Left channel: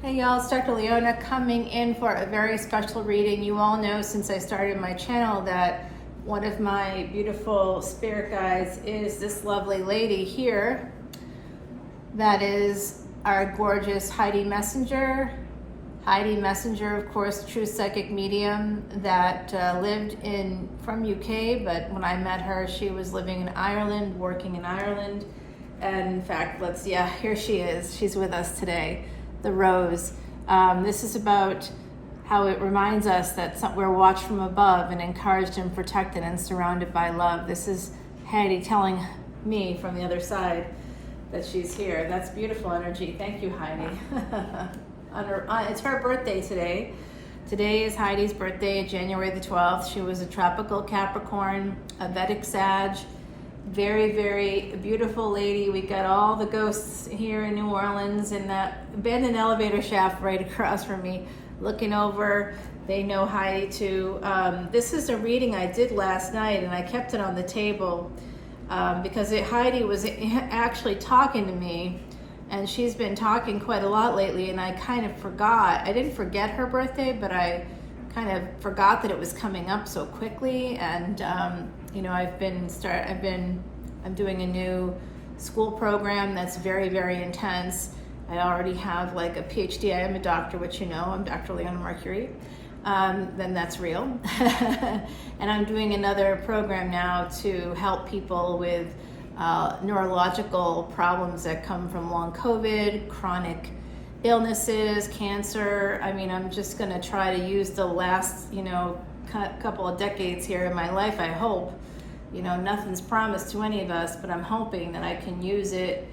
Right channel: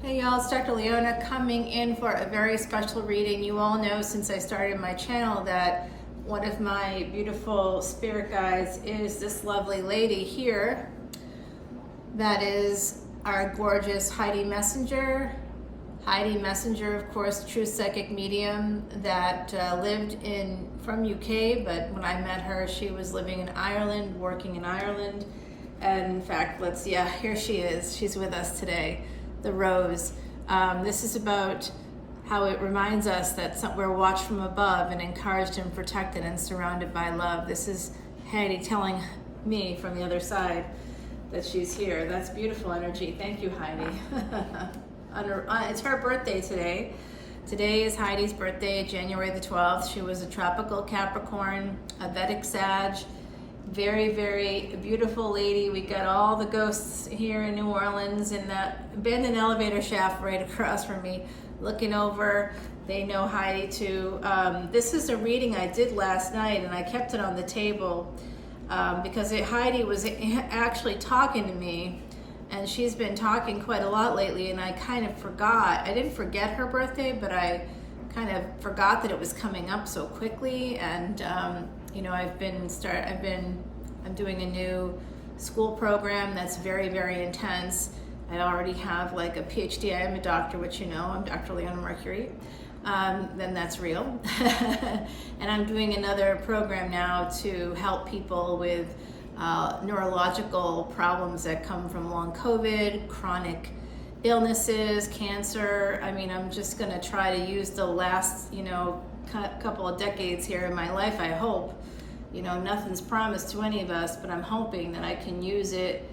Hey y'all, it's Dr. Leona coming in for a very special reading. You all know since I started my channel that one of my beautiful spirit guides is this lovely lady here. That is our gorgeous Heidi Messenger. Heidi Messenger, of course, true psychic medium that lived from UK, but when I met her, she was living in Ireland, working in Ireland. And in fact, here she is. She's with us today. The Rose. This is about how it reminds us that we're watched from above and encouraged and protected and surrounded by love. This is Heidi telling me from the other side that she's here. That's beautiful energy. Thank you, Heidi. It's her birthday today. Today is Heidi's birthday, January the 12th. She was a tropical Capricorn, a Vedic Sag. Very, very beautiful lady. We got all the ghosts here in New Orleans in that abandoned elevator shaft right across from me, looking over. They know Heidi too. This is a reading I did last night, and I kept it on the table because Heidi was actually talking to me, and she's been talking quite a lot lately, and I kind of forgot. I didn't forget her birthday, but I kind of forgot that it was coming up so quickly. And you know, I'm doing a new school program that's very, very intense. I already have like a PhD. I am a doctor, which you know, I'm Dr. Leona Mercury. Then that's real. And I'm doing another program now to help people with neurological problems that come from long COVID, chronic illnesses, cancer. I mean, I'm just going to try to use the last, couple of decades here in my life, I hope. Nothing's promised to any of us, but I'm hoping that I can use it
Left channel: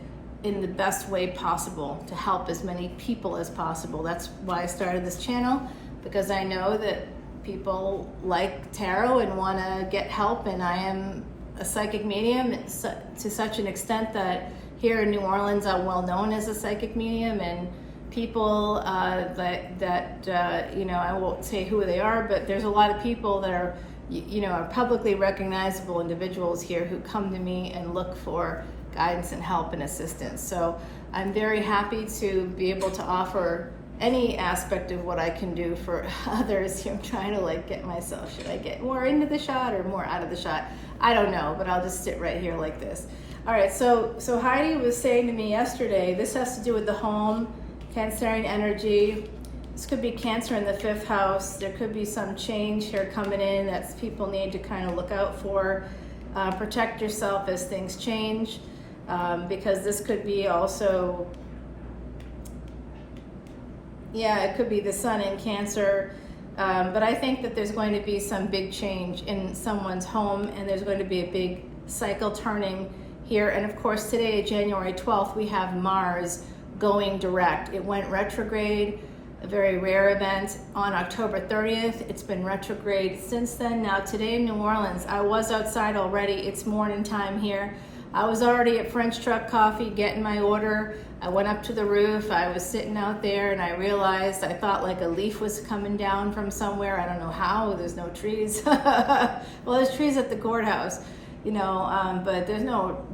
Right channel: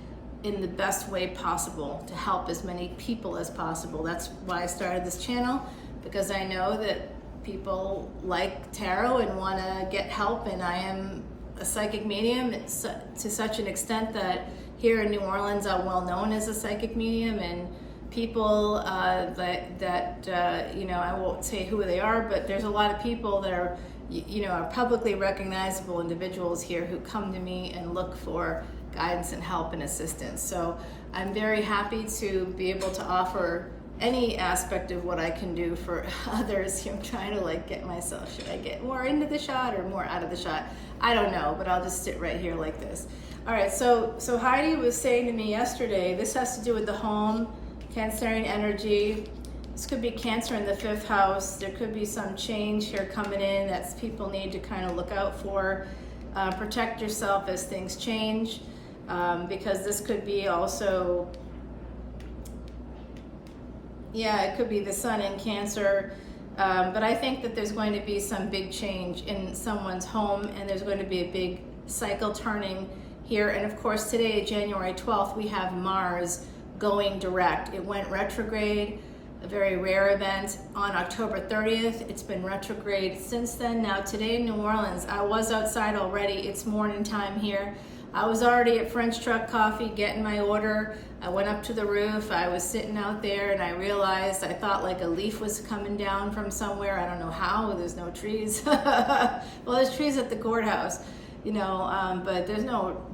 in the best way possible to help as many people as possible. That's why I started this channel, because I know that people like tarot and want to get help, and I am a psychic medium to such an extent that here in New Orleans I'm well known as a psychic medium, and people I won't say who they are, but there's a lot of people that are publicly recognizable individuals here who come to me and look for guidance and help and assistance. So I'm very happy to be able to offer any aspect of what I can do for others. I'm trying to get myself, should I get more into the shot or more out of the shot? I don't know, but I'll just sit right here like this. All right, so Heidi was saying to me yesterday, this has to do with the home, Cancerian energy. This could be Cancer in the 5th house. There could be some change here coming in that people need to kind of look out for. Protect yourself as things change, because this could be also, it could be the sun in Cancer. But I think that there's going to be some big change in someone's home, and there's going to be a big cycle turning here. And of course, today, January 12th, we have Mars going direct. It went retrograde, a very rare event, on October 30th. It's been retrograde since then. Now today in New Orleans, I was outside already. It's morning time here. I was already at French Truck Coffee getting my order. I went up to the roof. I was sitting out there and I realized, I thought like a leaf was coming down from somewhere. I don't know how, there's no trees. Well, there's trees at the courthouse, but there's no,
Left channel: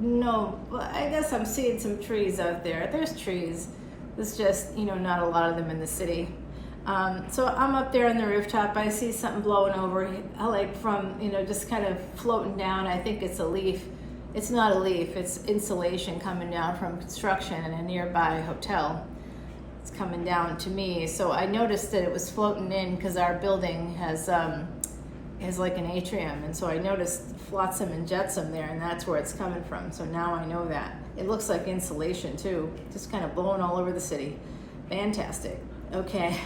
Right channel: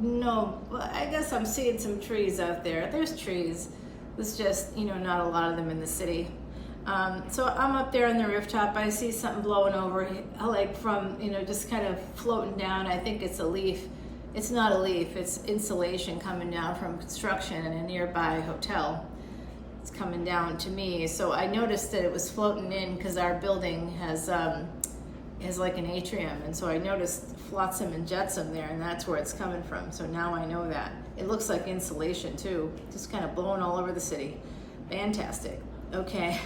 I guess I'm seeing some trees out there. There's trees. It's just, not a lot of them in the city. So I'm up there on the rooftop. I see something blowing over, from, just kind of floating down. I think it's a leaf. It's not a leaf, it's insulation coming down from construction in a nearby hotel. It's coming down to me. So I noticed that it was floating in because our building has like an atrium. And so I noticed flotsam and jetsam there, and that's where it's coming from. So now I know that. It looks like insulation too, just kind of blowing all over the city. Fantastic. Okay.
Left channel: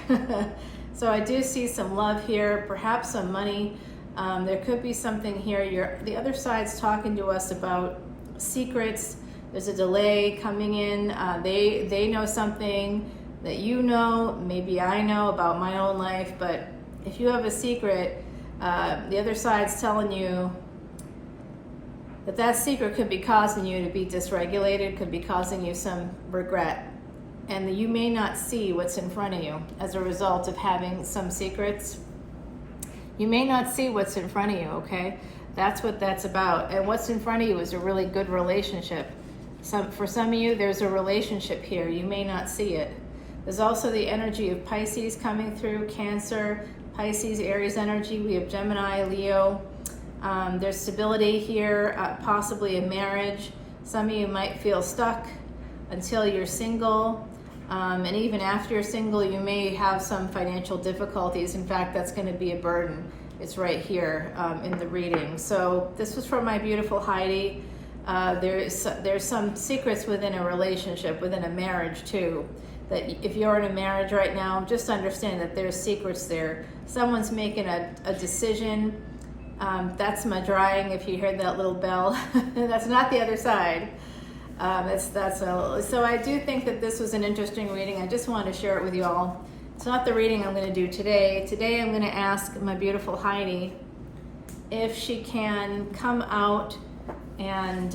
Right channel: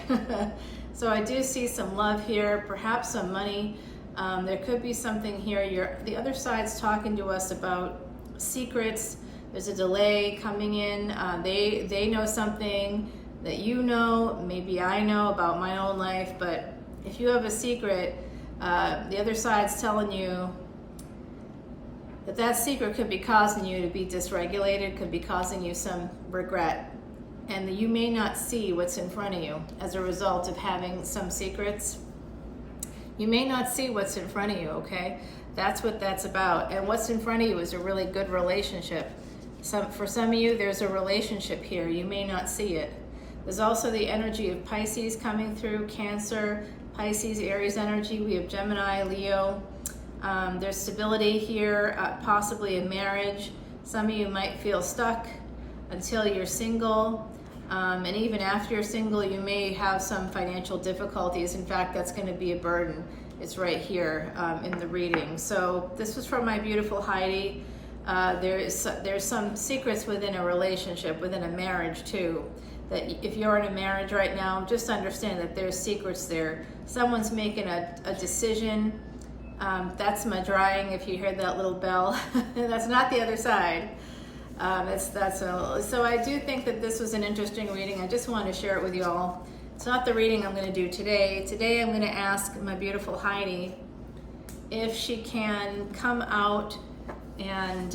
So I do see some love here, perhaps some money. There could be something here. The other side's talking to us about secrets. There's a delay coming in. They know something that you know, maybe I know about my own life, but if you have a secret, the other side's telling you that secret could be causing you to be dysregulated, could be causing you some regret. And you may not see what's in front of you as a result of having some secrets. You may not see what's in front of you, okay? That's what that's about. And what's in front of you is a really good relationship. For some of you, there's a relationship here. You may not see it. There's also the energy of Pisces coming through, Cancer, Pisces, Aries energy. We have Gemini, Leo. There's stability here, possibly a marriage. Some of you might feel stuck until you're single. And even after you're single, you may have some financial difficulties. In fact, that's going to be a burden. It's right here in the reading. So this was for my beautiful Heidi. There's some secrets within a relationship, within a marriage too, that if you're in a marriage right now, just understand that there's secrets there. Someone's making a decision. That's my drying, if you heard that little bell. That's not the other side. So I do think that this was an interesting reading. I just wanted to share it with you all. It's not the reading I'm going to do today. Today I'm going to ask my beautiful Heidi if she can come out and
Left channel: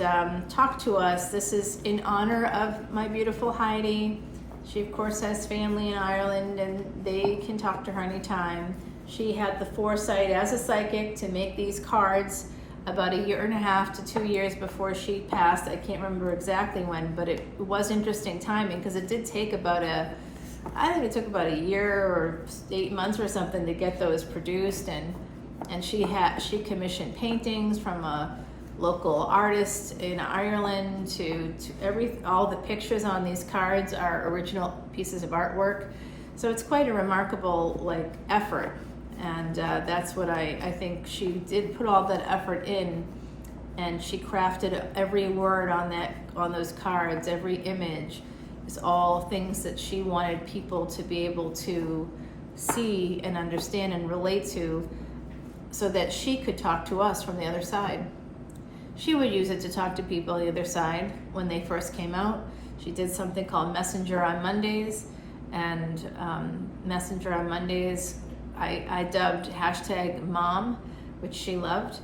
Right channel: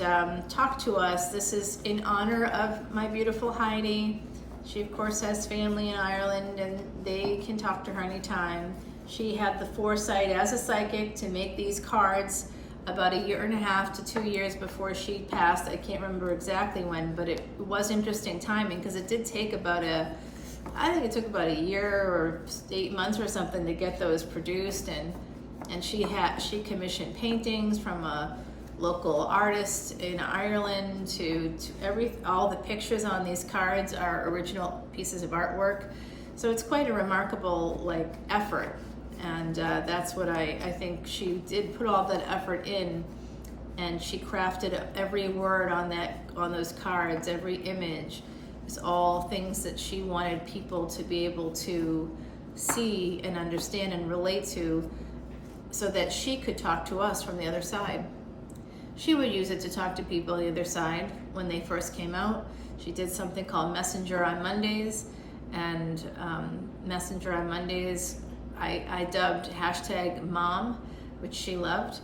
talk to us. This is in honor of my beautiful Heidi. She of course has family in Ireland and they can talk to her anytime. She had the foresight as a psychic to make these cards about 1.5 to 2 years before she passed. I can't remember exactly when, but it was interesting timing because it did take about I think it took about a year or 8 months or something to get those produced, and she commissioned paintings from a local artist in Ireland to all the pictures on these cards are original pieces of artwork. So it's quite a remarkable effort, and that's what I think she did put all that effort in, and she crafted every word on those cards, every image. It's all things that she wanted people to be able to see and understand and relate to, so that she could talk to us from the other side. She would use it to talk to people on the other side when they first came out. She did something called Messenger on Mondays, and Messenger on Mondays I dubbed #mom, which she loved.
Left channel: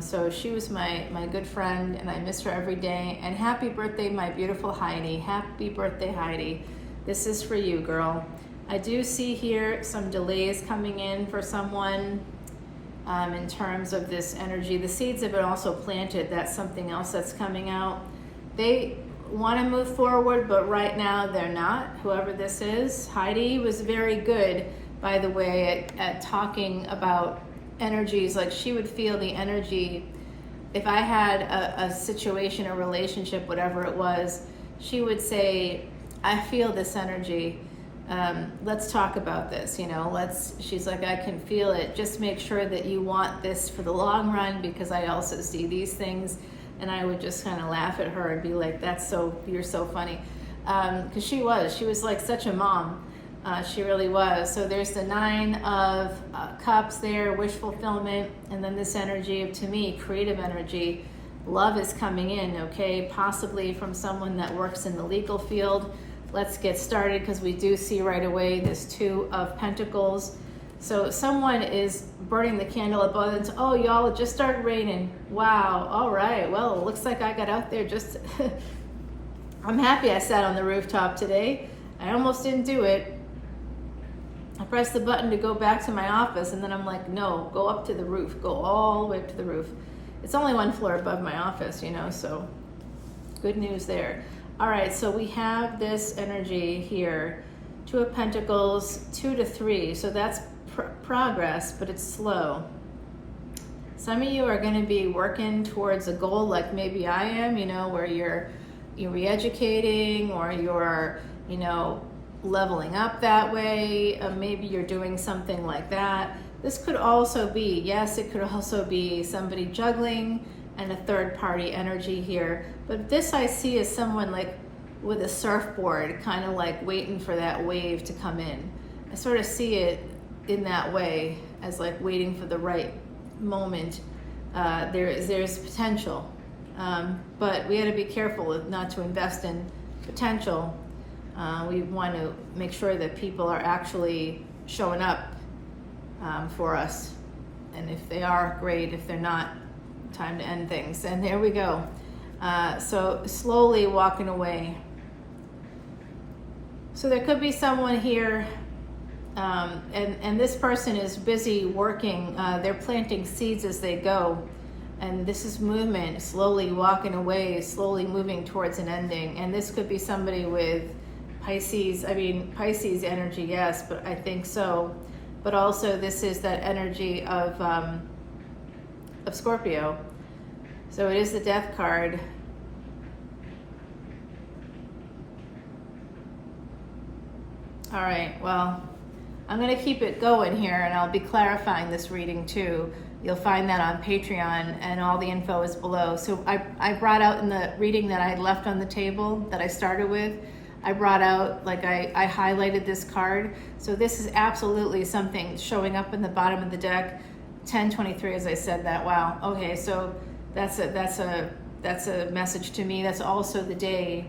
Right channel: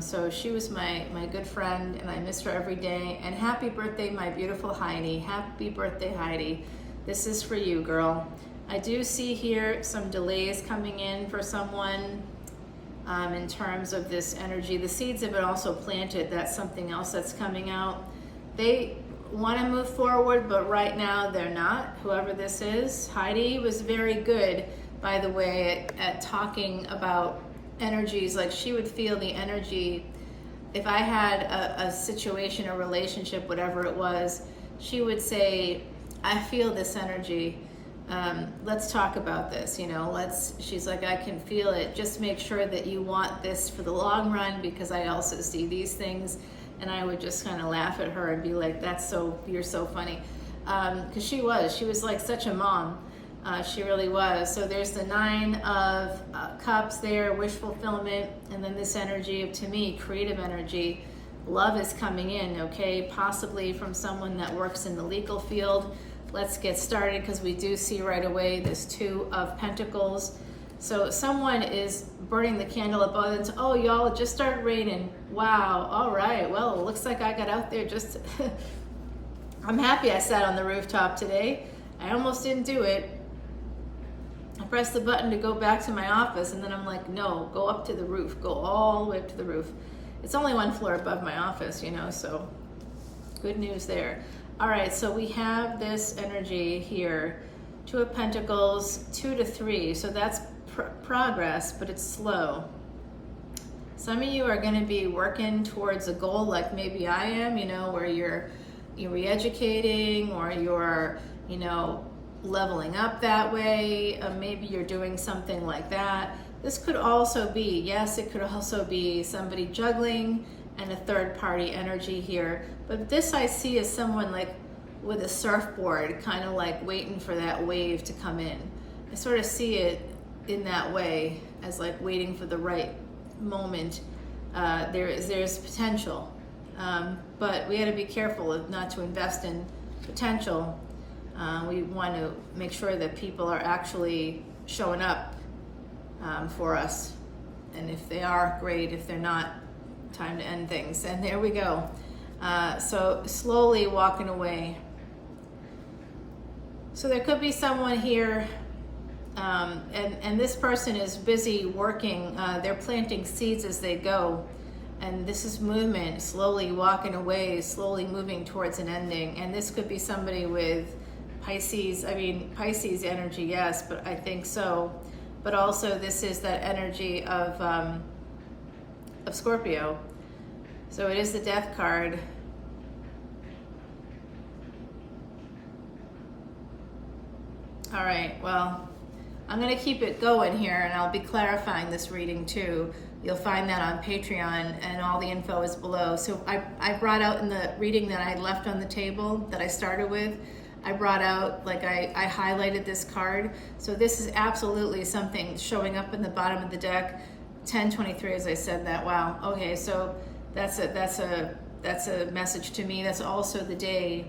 So she was my good friend, and I miss her every day. And happy birthday, my beautiful Heidi. Happy birthday, Heidi. This is for you, girl. I do see here some delays coming in for someone in terms of this energy. The seeds have been also planted. That's something else that's coming out. They want to move forward, but right now they're not, whoever this is. Heidi was very good, by the way, at talking about energies. Like, she would feel the energy. If I had a situation, a relationship, whatever it was, she would say, I feel this energy. Let's talk about this, she's like, I can feel it. Just make sure that you want this for the long run, because I also see these things. And I would just kind of laugh at her and be like, you're so funny. Because she was like such a mom. She really was. So there's the 9 of Cups there, wish fulfillment, and then this energy of, to me, creative energy. Love is coming in, okay? Possibly from someone that works in the legal field. Let's get started, because we do see right away this 2 of Pentacles. So someone is burning the candle at both ends. Oh, y'all, it just started raining. Wow, all right. Well, it looks like I got out there just... I'm happy I sat on the rooftop today. I almost didn't do it. I pressed the button to go back to my office, and then I'm like, no, go up to the roof. Go all the way up to the roof. It's only 1 floor above my office, so good news there. All right, so we have this energy here. 2 of Pentacles, 2 to 3. So that's progress, but it's slow. Some of you are going to be working towards a goal like maybe I am, where you're re-educating, or you're, leveling up that way. Maybe you're doing something like that. This could also be, yes, it could also be somebody juggling and a third party energy here. But this I see as someone like with a surfboard, kind of like waiting for that wave to come in. I sort of see it in that way, as like waiting for the right moment. There's potential, but we got to be careful not to invest in potential. We want to make sure that people are actually showing up for us, and if they are, great. If they're not, time to end things. And there we go. So slowly walking away. So there could be someone here, and this person is busy working. They're planting seeds as they go, and this is movement, slowly walking away, slowly moving towards an ending. And this could be somebody with Pisces energy, yes, but I think so. But also this is that energy of Scorpio. So it is the Death card. All right, well, I'm going to keep it going here, and I'll be clarifying this reading too. You'll find that on Patreon, and all the info is below. So I brought out in the reading that I left on the table that I started with, I brought out, like I highlighted this card. So this is absolutely something showing up in the bottom of the deck. 1023, as I said that. Wow. Okay, so that's a message to me. That's also the day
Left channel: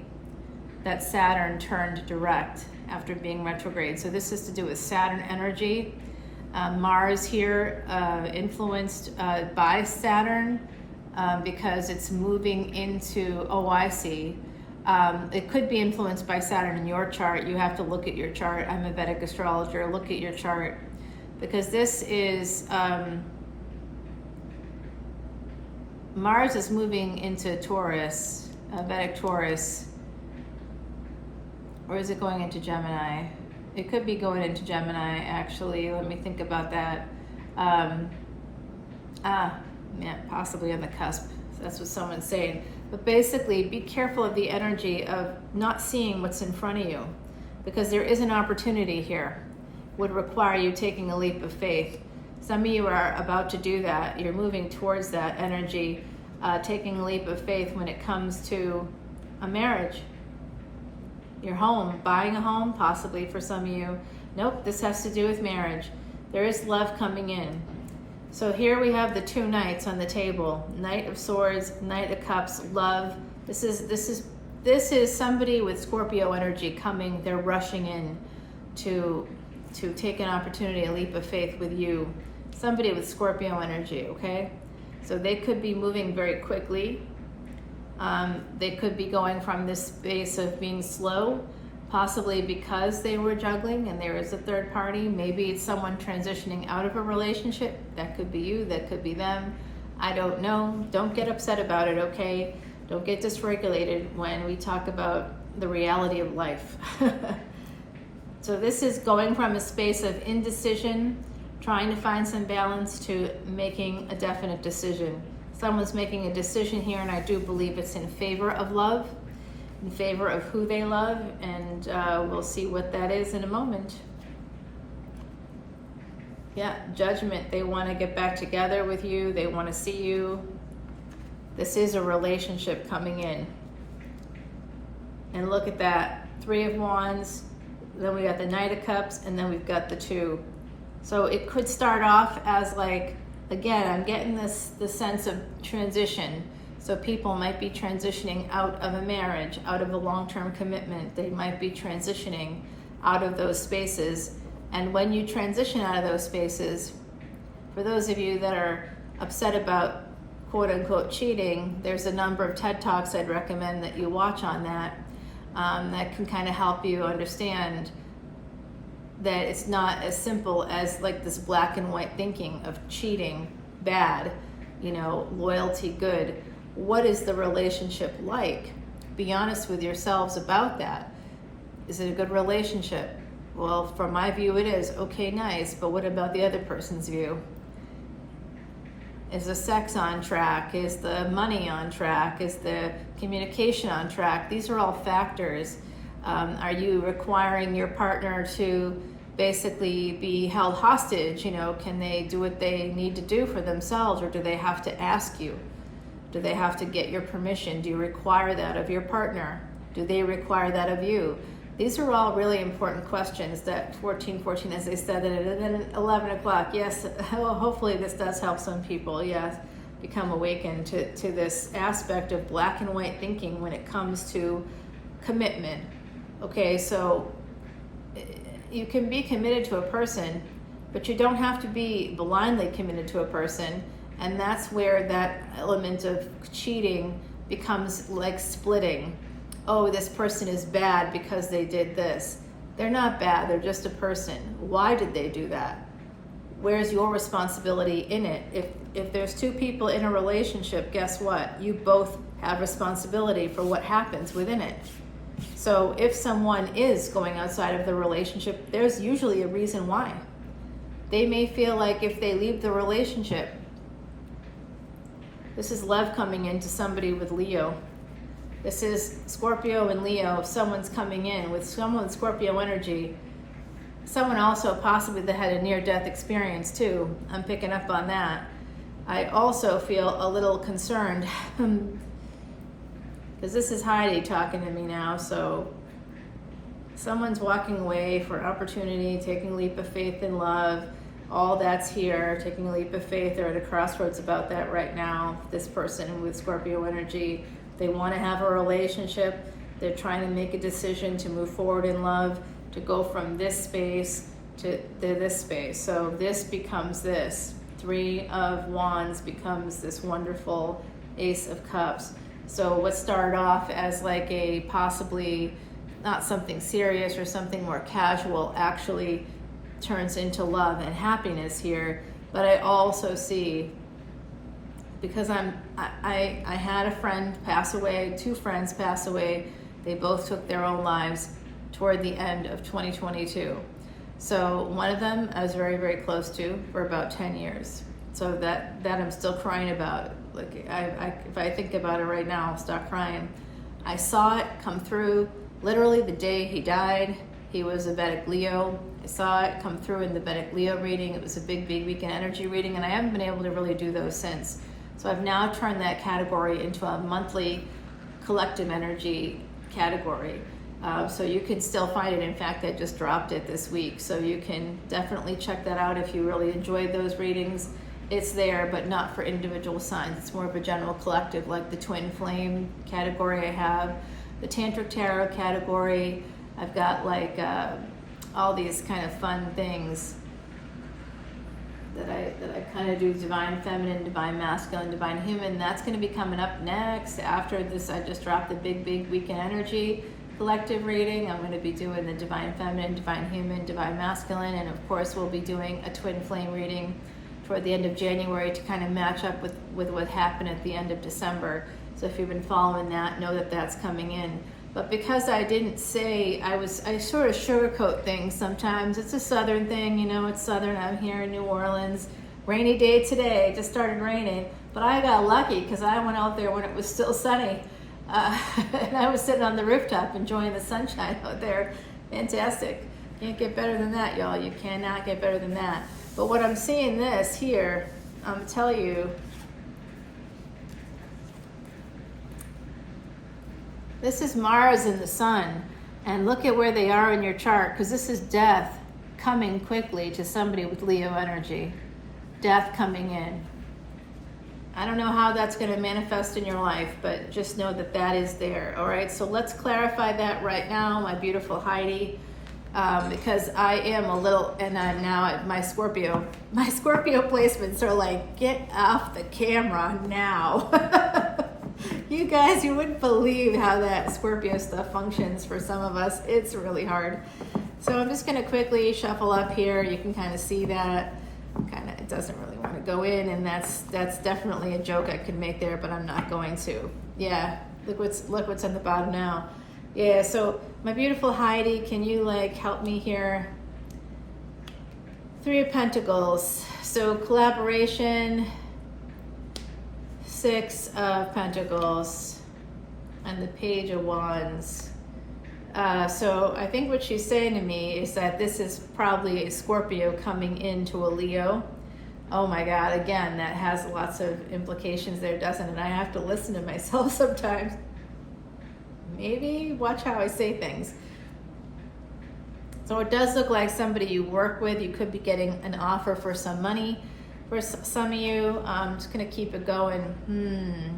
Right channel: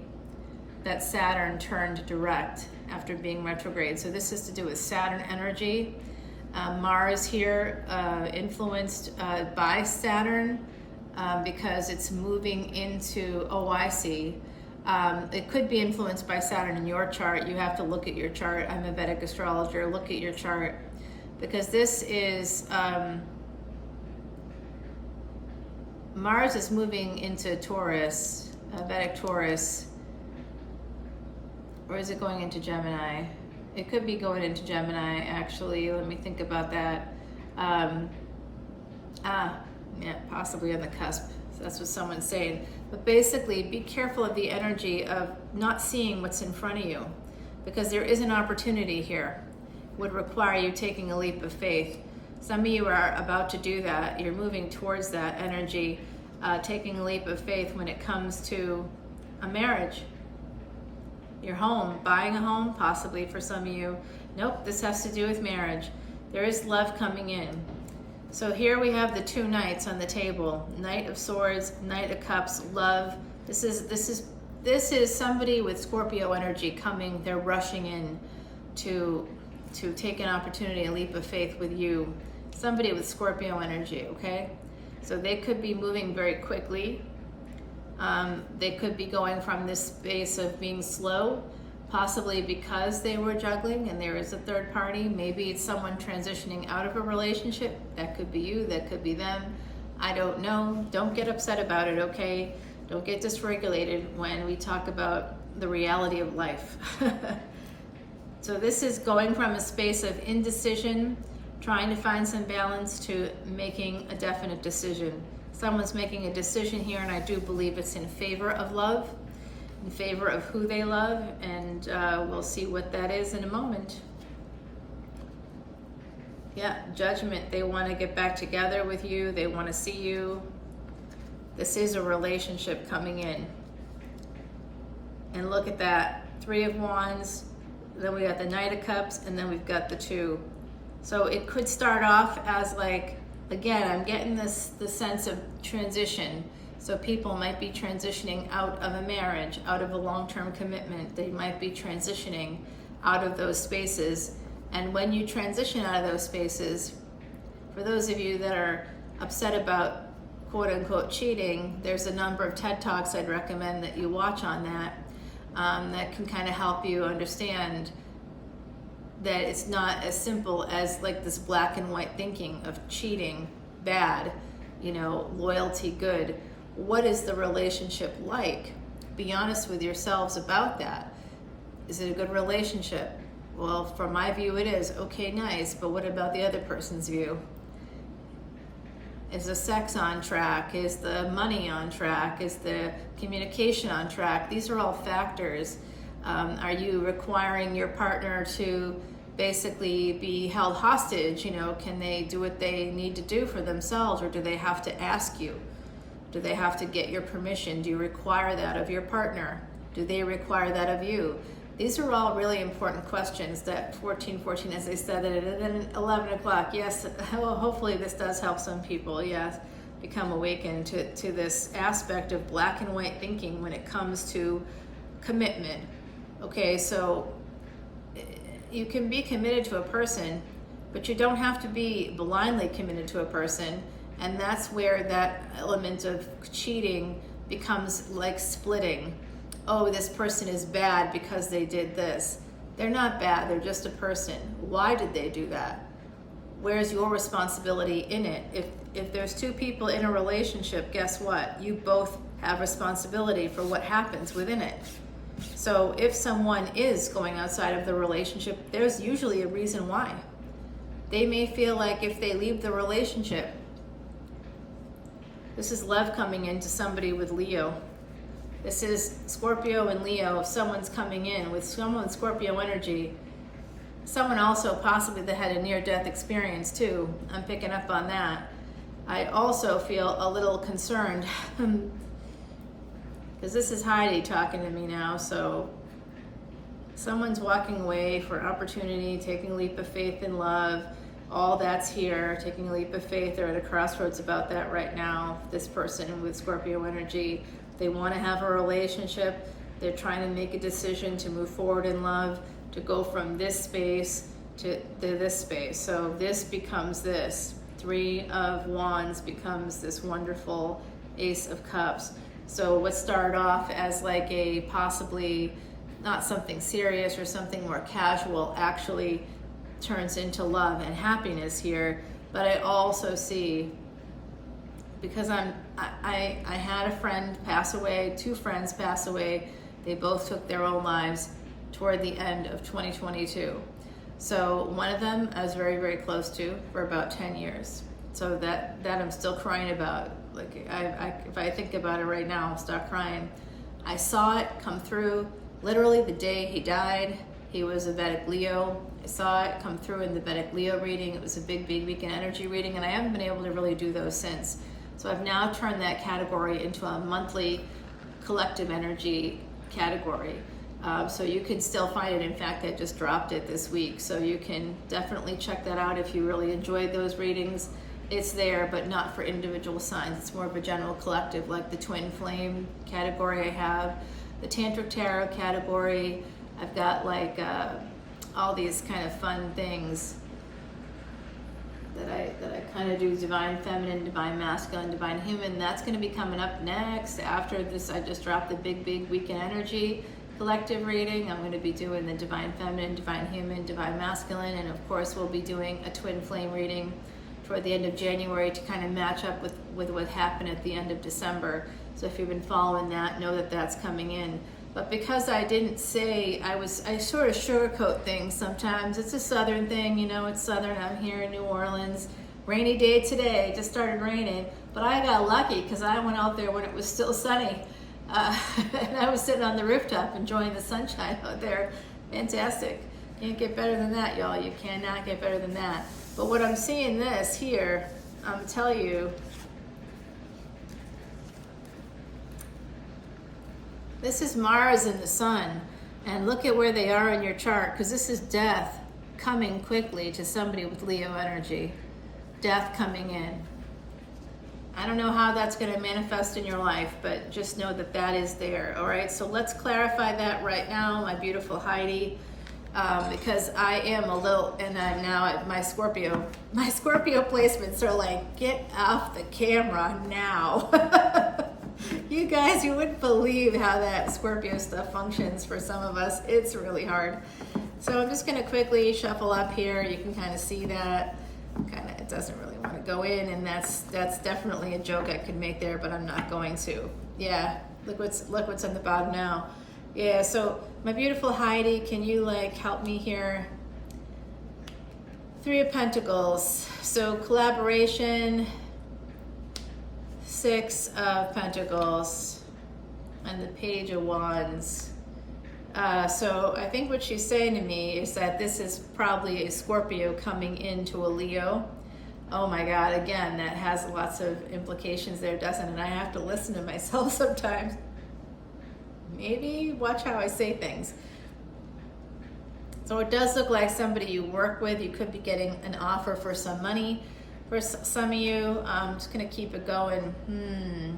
that Saturn turned direct after being retrograde. So this is to do with Saturn energy. Mars here influenced by Saturn because it's moving into, oh, I see. It could be influenced by Saturn in your chart. You have to look at your chart. I'm a Vedic astrologer. Look at your chart, because this is Mars is moving into Taurus, Vedic Taurus. Or is it going into Gemini? It could be going into Gemini, actually. Let me think about that. Yeah, possibly on the cusp. That's what someone's saying. But basically, be careful of the energy of not seeing what's in front of you, because there is an opportunity here. Would require you taking a leap of faith. Some of you are about to do that. You're moving towards that energy, taking a leap of faith when it comes to a marriage. Your home, buying a home, possibly for some of you. Nope, this has to do with marriage. There is love coming in. So here we have the two knights on the table. Knight of Swords, Knight of Cups, love. This is somebody with Scorpio energy coming. They're rushing in to take an opportunity, a leap of faith with you. Somebody with Scorpio energy, okay? So they could be moving very quickly. They could be going from this space of being slow, possibly because they were juggling and there is a third party. Maybe it's someone transitioning out of a relationship. That could be you, that could be them. I don't know. Don't get upset about it, okay? Don't get dysregulated when we talk about the reality of life. So this is going from a space of indecision, trying to find some balance, to making a definite decision. Someone's making a decision here, and I do believe it's in favor of love, in favor of who they love, and we'll see what that is in a moment. Yeah, Judgment. They want to get back together with you. They want to see you. This is a relationship coming in. And look at that. 3 of Wands, then we got the Knight of Cups, and then we've got the 2. So it could start off as like, again, I'm getting the sense of transition. So people might be transitioning out of a marriage, out of a long-term commitment. They might be transitioning out of those spaces. And when you transition out of those spaces, for those of you that are upset about quote-unquote cheating, there's a number of TED Talks I'd recommend that you watch on that, that can kind of help you understand that it's not as simple as like this black and white thinking of cheating, bad, loyalty, good. What is the relationship like? Be honest with yourselves about that. Is it a good relationship? Well, from my view, it is. Okay, nice, but what about the other person's view? Is the sex on track? Is the money on track? Is the communication on track? These are all factors. Are you requiring your partner to basically be held hostage? Can they do what they need to do for themselves, or do they have to ask you? Do they have to get your permission? Do you require that of your partner? Do they require that of you? These are all really important questions that 1414, as I said, and then 11 o'clock. Yes, well, hopefully this does help some people, yes, become awakened to this aspect of black and white thinking when it comes to commitment. Okay, so you can be committed to a person, but you don't have to be blindly committed to a person. And that's where that element of cheating becomes like splitting. Oh, this person is bad because they did this. They're not bad, they're just a person. Why did they do that? Where's your responsibility in it? If there's 2 people in a relationship, guess what? You both have responsibility for what happens within it. So if someone is going outside of the relationship, there's usually a reason why. They may feel like if they leave the relationship, this is love coming into somebody with Leo. This is Scorpio and Leo. If someone's coming in with someone with Scorpio energy, someone also possibly that had a near-death experience too. I'm picking up on that. I also feel a little concerned because this is Heidi talking to me now. So someone's walking away for opportunity, taking a leap of faith in love. All that's here, taking a leap of faith. They're at a crossroads about that right now. This person with Scorpio energy, they want to have a relationship. They're trying to make a decision to move forward in love, to go from this space to this space. So this becomes this. 3 of Wands becomes this wonderful Ace of Cups. So what started off as like a possibly not something serious or something more casual actually turns into love and happiness here. But I also see, because I had a friend pass away, 2 friends pass away. They both took their own lives toward the end of 2022. So one of them I was very, very close to for about 10 years. So that I'm still crying about. Like if I think about it right now, I'll stop crying. I saw it come through literally the day he died. He was a Vedic Leo. I saw it come through in the Vedic Leo reading. It was a big, big weekend energy reading, and I haven't been able to really do those since. So I've now turned that category into a monthly collective energy category. So you can still find it. In fact, I just dropped it this week. So you can definitely check that out if you really enjoyed those readings. It's there, but not for individual signs. It's more of a general collective, like the Twin Flame category I have, the Tantric Tarot category. I've got like all these kind of fun things that I kind of do: Divine Feminine, Divine Masculine, Divine Human. That's going to be coming up next. After this, I just dropped the big, big weekend energy collective reading. I'm going to be doing the Divine Feminine, Divine Human, Divine Masculine, and of course we'll be doing a Twin Flame reading toward the end of January to kind of match up with what happened at the end of December. So if you've been following that, know that that's coming in. But because I didn't say, I sort of sugarcoat things sometimes. It's a southern thing, you know, it's southern out here in New Orleans. Rainy day today, it just started raining. But I got lucky because I went out there when it was still sunny. And I was sitting on the rooftop enjoying the sunshine out there. Fantastic. Can't get better than that, y'all. You cannot get better than that. But what I'm seeing this here, I'm telling you, this is Mars and the Sun, and look at where they are in your chart, because this is death coming quickly to somebody with Leo energy. Death coming in. I don't know how that's going to manifest in your life, but just know that that is there. All right, so let's clarify that right now, my beautiful Heidi, because I am a little, and I'm now at my Scorpio placements are like, get off the camera now. You guys, you wouldn't believe how that Scorpio stuff functions for some of us. It's really hard. So I'm just going to quickly shuffle up here. You can kind of see that. It doesn't really want to go in, and that's definitely a joke I could make there, but I'm not going to. Yeah, look what's on the bottom now. Yeah, so my beautiful Heidi, can you like help me here? 3 of Pentacles. So collaboration. 6 of Pentacles, and the Page of Wands. So I think what she's saying to me is that this is probably a Scorpio coming into a Leo. Oh my God, again, that has lots of implications there, doesn't it? And I have to listen to myself sometimes. Maybe watch how I say things. So it does look like somebody you work with. You could be getting an offer for some money. For some of you, I'm just going to keep it going.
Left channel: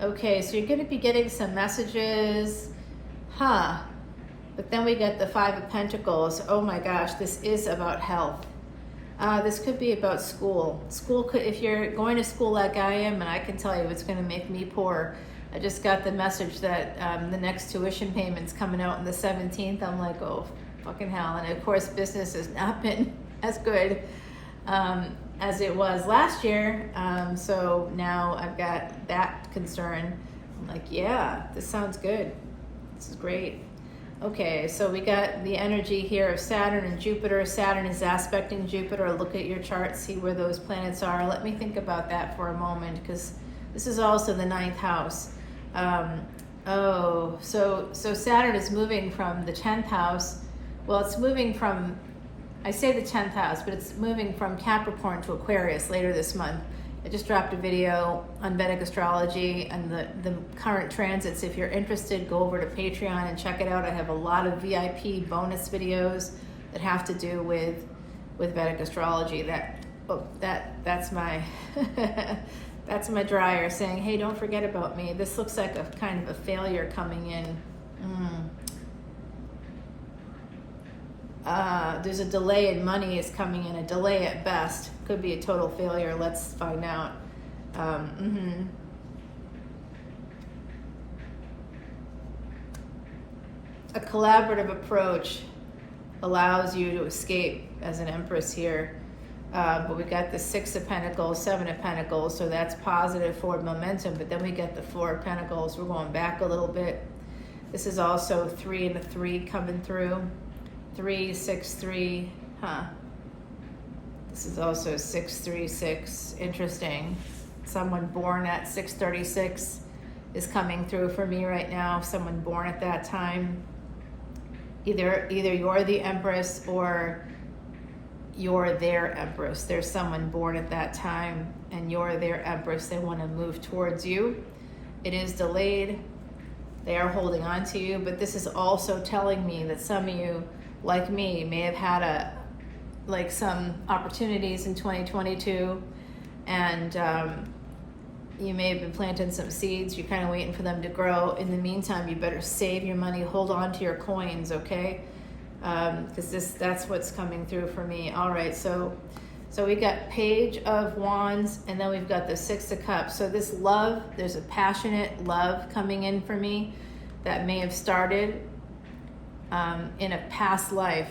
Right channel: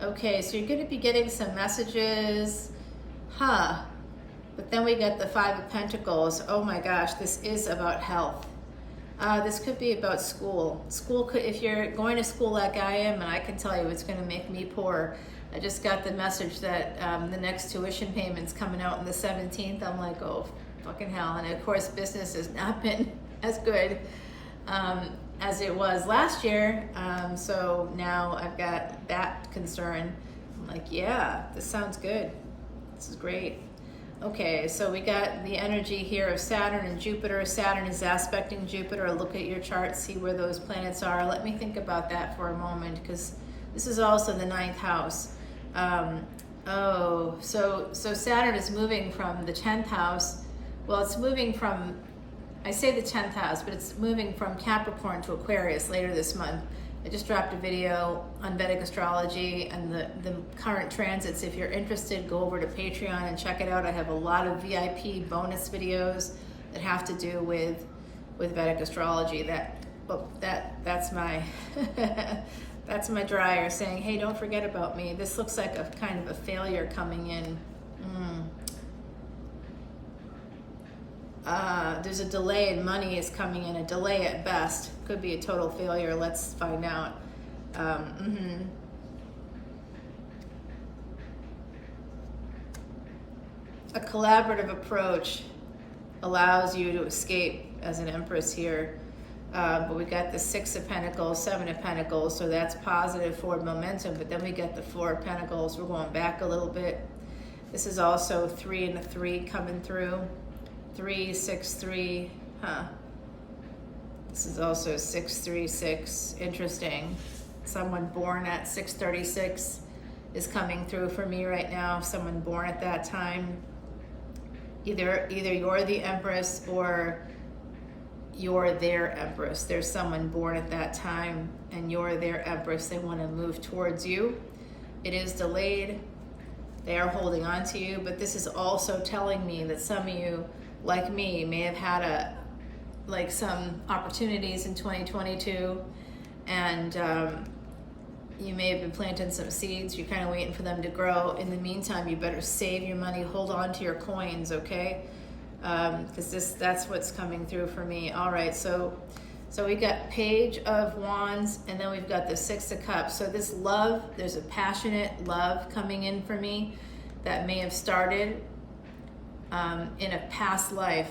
Okay, so you're going to be getting some messages. But then we get the 5 of Pentacles. Oh my gosh, this is about health. This could be about school. If you're going to school like I am, and I can tell you it's going to make me poor. I just got the message that the next tuition payment's coming out on the 17th. I'm like, oh, fucking hell. And of course, business has not been as good as it was last year. So now I've got that concern. I'm like, yeah, this sounds good. This is great. Okay, so we got the energy here of Saturn and Jupiter. Saturn is aspecting Jupiter. Look at your chart, see where those planets are. Let me think about that for a moment, because this is also the 9th house. So Saturn is moving from the 10th house. Well, it's moving from, I say the 10th house, but it's moving from Capricorn to Aquarius later this month. I just dropped a video on Vedic Astrology and the current transits. If you're interested, go over to Patreon and check it out. I have a lot of VIP bonus videos that have to do with Vedic Astrology. That's my that's my dryer saying, hey, don't forget about me. This looks like a kind of a failure coming in. There's a delay in money is coming in, a delay at best. Could be a total failure. Let's find out. A collaborative approach allows you to escape as an Empress here. But we got the 6 of Pentacles, 7 of Pentacles, so that's positive forward momentum. But then we get the 4 of Pentacles. We're going back a little bit. This is also 3 and a 3 coming through. 3, 6, 3, This is also 6, 3, 6. Interesting. Someone born at 6:36 is coming through for me right now. Someone born at that time. Either you're the Empress or you're their Empress. There's someone born at that time and you're their Empress. They want to move towards you. It is delayed. They are holding on to you, but this is also telling me that some of you, like me, may have had some opportunities in 2022, and you may have been planting some seeds. You're kind of waiting for them to grow. In the meantime, you better save your money, hold on to your coins, okay? Because that's what's coming through for me. All right, so we got Page of Wands, and then we've got the 6 of Cups. So this love, there's a passionate love coming in for me that may have started in a past life,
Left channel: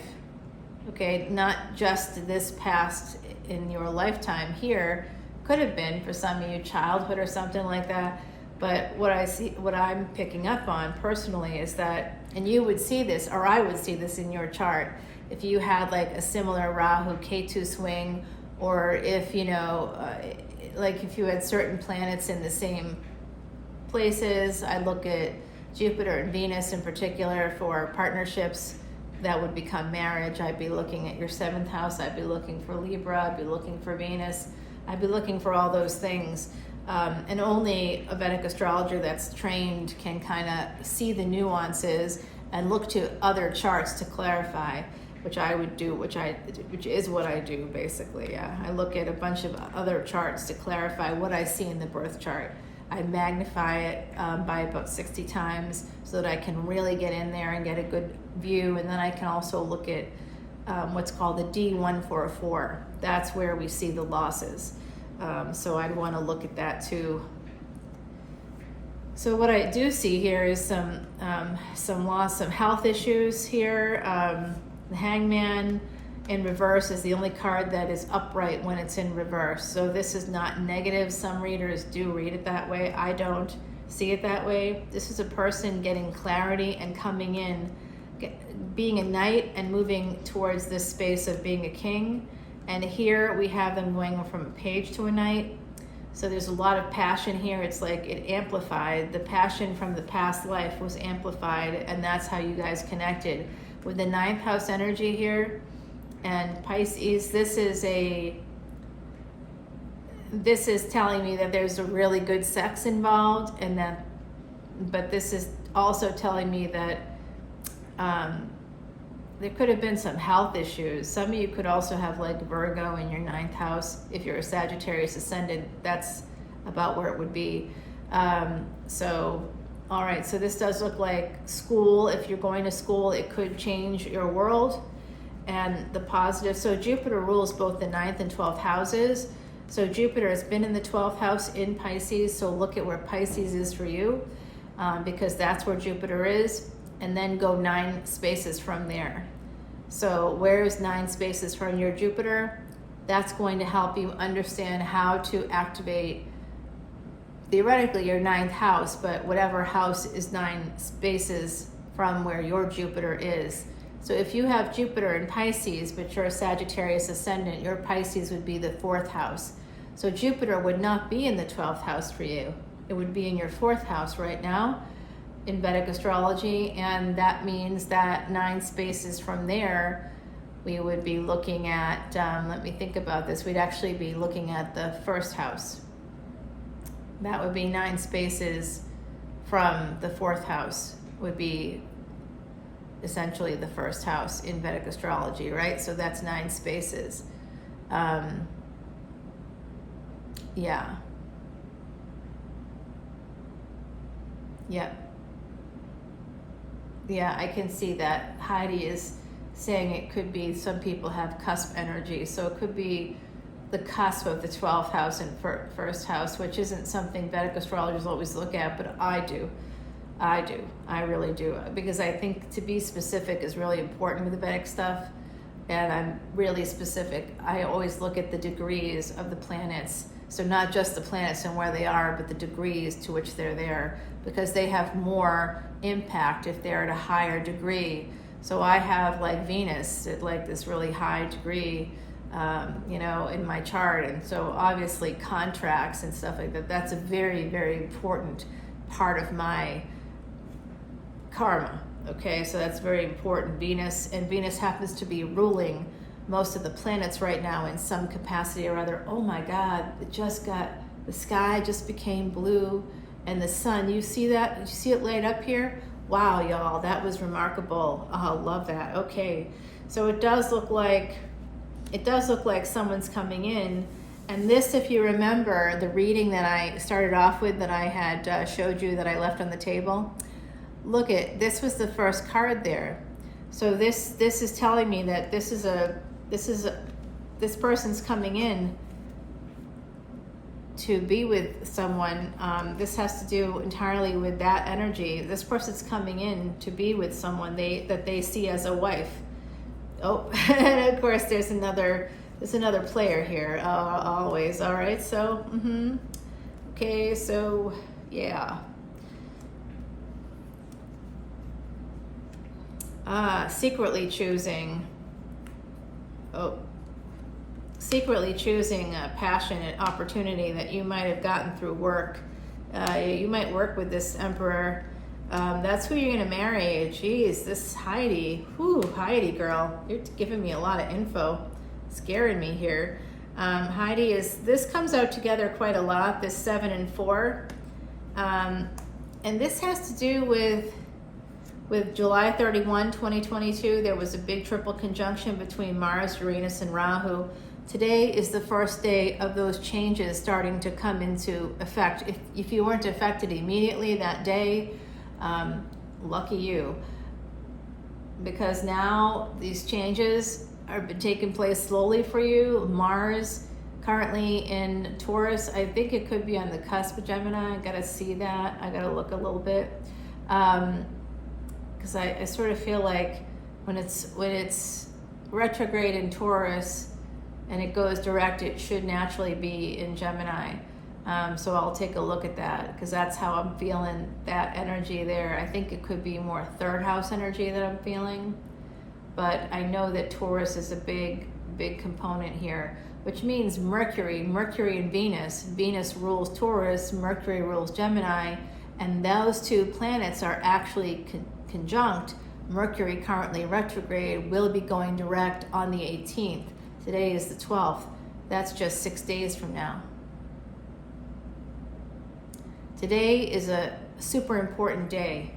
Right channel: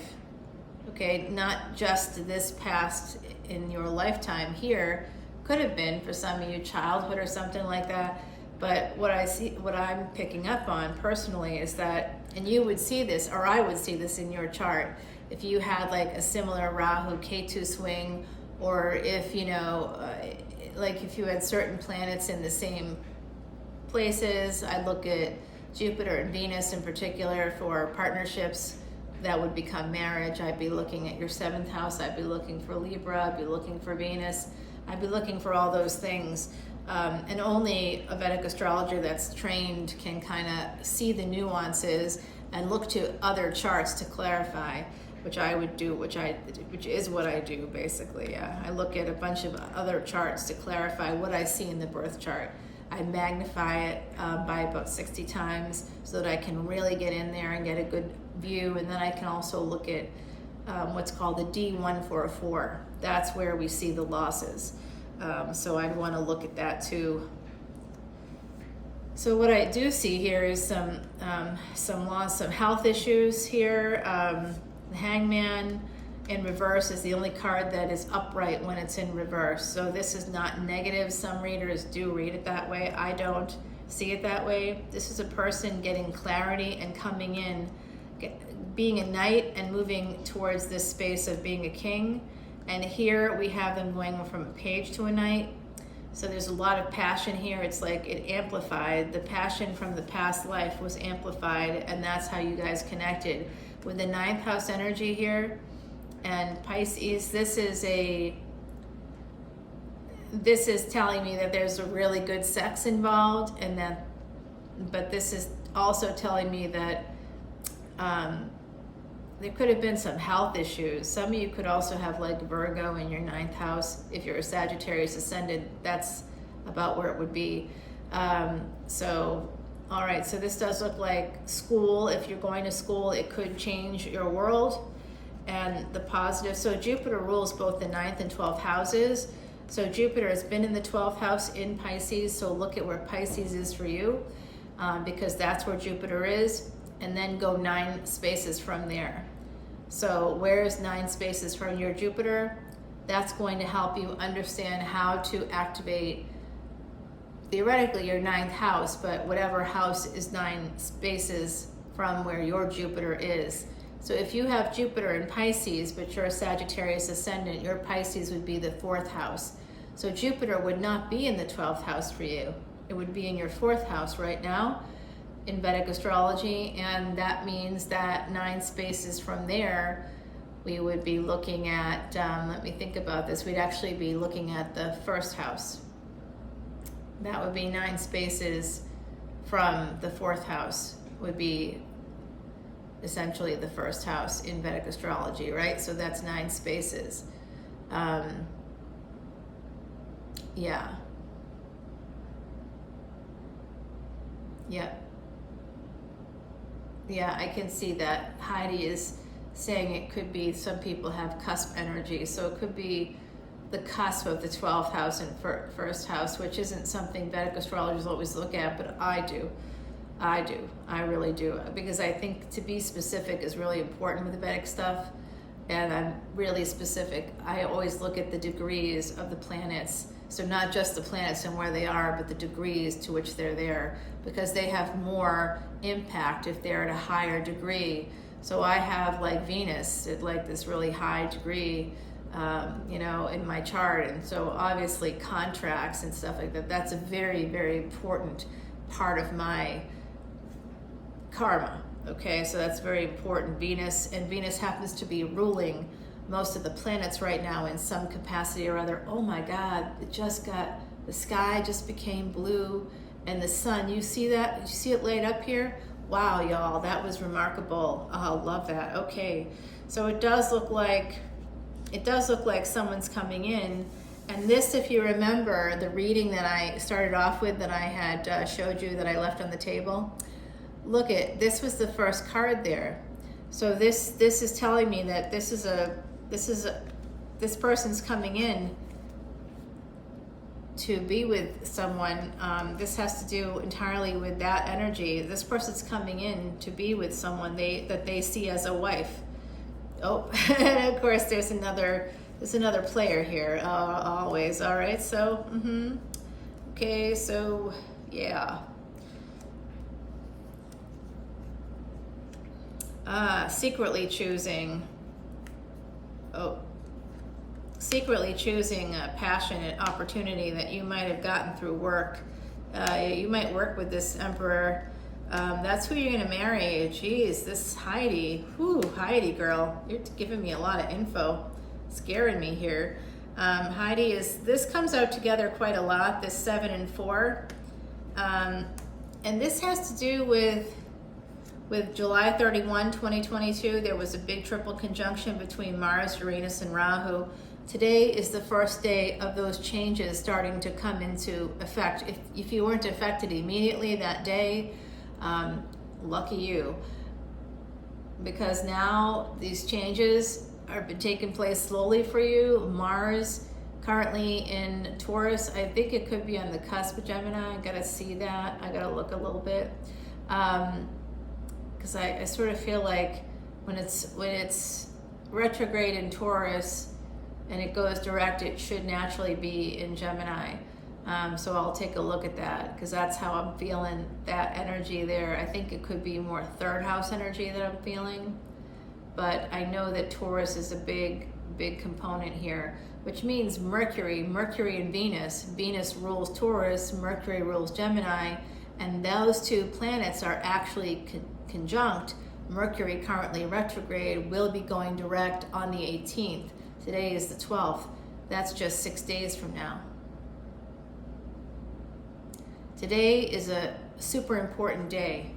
okay? Not just this past in your lifetime here. Could have been for some of you childhood or something like that. But what I'm picking up on personally is that, and you would see this, or I would see this in your chart, if you had like a similar Rahu Ketu swing, or if if you had certain planets in the same places. I look at Jupiter and Venus in particular for partnerships that would become marriage. I'd be looking at your 7th house. I'd be looking for Libra. I'd be looking for Venus. I'd be looking for all those things. And only a Vedic astrologer that's trained can kind of see the nuances and look to other charts to clarify, which I would do, which is what I do basically. Yeah, I look at a bunch of other charts to clarify what I see in the birth chart. I magnify it by about 60 times so that I can really get in there and get a good view. And then I can also look at what's called the D144. That's where we see the losses. So I'd want to look at that too. So what I do see here is some loss, some health issues here. The Hangman in reverse is the only card that is upright when it's in reverse. So this is not negative. Some readers do read it that way. I don't see it that way. This is a person getting clarity and coming in, being a knight and moving towards this space of being a king. And here we have them going from a page to a knight. So there's a lot of passion here. It's like it amplified. The passion from the past life was amplified, and that's how you guys connected. With the 9th house energy here, and Pisces, this is telling me that there's a really good sex involved, and but this is also telling me that there could have been some health issues. Some of you could also have like Virgo in your 9th house. If you're a Sagittarius ascendant, that's about where it would be. All right, so this does look like school. If you're going to school, it could change your world. And the positive, so Jupiter rules both the 9th and 12th houses. So Jupiter has been in the 12th house in Pisces, so look at where Pisces is for you, because that's where Jupiter is, and then go 9 spaces from there. So where's 9 spaces from your Jupiter? That's going to help you understand how to activate, theoretically, your 9th house, but whatever house is 9 spaces from where your Jupiter is. So if you have Jupiter in Pisces, but you're a Sagittarius ascendant, your Pisces would be the 4th house. So Jupiter would not be in the 12th house for you. It would be in your 4th house right now in Vedic astrology, and that means that 9 spaces from there, we would be looking at, let me think about this, we'd actually be looking at the 1st house. That would be 9 spaces from the 4th house, would be essentially the 1st house in Vedic astrology, right? So that's 9 spaces. Yeah. Yep. Yeah, I can see that. Heidi is saying it could be, some people have cusp energy, so it could be the cusp of the 12th house and 1st house, which isn't something Vedic astrologers always look at, but I do. I really do, because I think to be specific is really important with the Vedic stuff, and I'm really specific. I always look at the degrees of the planets, so not just the planets and where they are, but the degrees to which they're there, because they have more impact if they're at a higher degree. So I have like Venus at like this really high degree, in my chart, and so obviously contracts and stuff like that, that's a very, very important part of my karma. Okay, so that's very important. Venus happens to be ruling most of the planets right now in some capacity or other. Oh my God, the sky just became blue, and the sun, you see that? You see it laid up here? Wow, y'all, that was remarkable. Oh, love that. Okay, so it does look like someone's coming in. And this, if you remember the reading that I started off with, that I had showed you, that I left on the table, look at, this was the first card there. So this is telling me that this person's coming in to be with someone. This has to do entirely with that energy. This person's coming in to be with someone that they see as a wife. Oh, and of course there's another player here, always. All right, so okay, so yeah. Secretly choosing a passionate opportunity that you might have gotten through work. You might work with this Emperor. That's who you're going to marry. Jeez, this Heidi. Whew, Heidi girl, you're giving me a lot of info. Scaring me here. Heidi this comes out together quite a lot, this 7 and 4. And this has to do with July 31, 2022, there was a big triple conjunction between Mars, Uranus, and Rahu. Today is the first day of those changes starting to come into effect. If you weren't affected immediately that day, lucky you. Because now these changes are taking place slowly for you. Mars currently in Taurus, I think it could be on the cusp of Gemini. I gotta see that. I gotta look a little bit. Because I sort of feel like when it's retrograde in Taurus and it goes direct, it should naturally be in Gemini. So I'll take a look at that, because that's how I'm feeling that energy there. I think it could be more 3rd house energy that I'm feeling, but I know that Taurus is a big component here, which means Mercury and Venus rules Taurus, Mercury rules Gemini, and those 2 planets are actually conjunct. Mercury currently retrograde will be going direct on the 18th. Today is the 12th. That's just 6 days from now. Today is a super important day.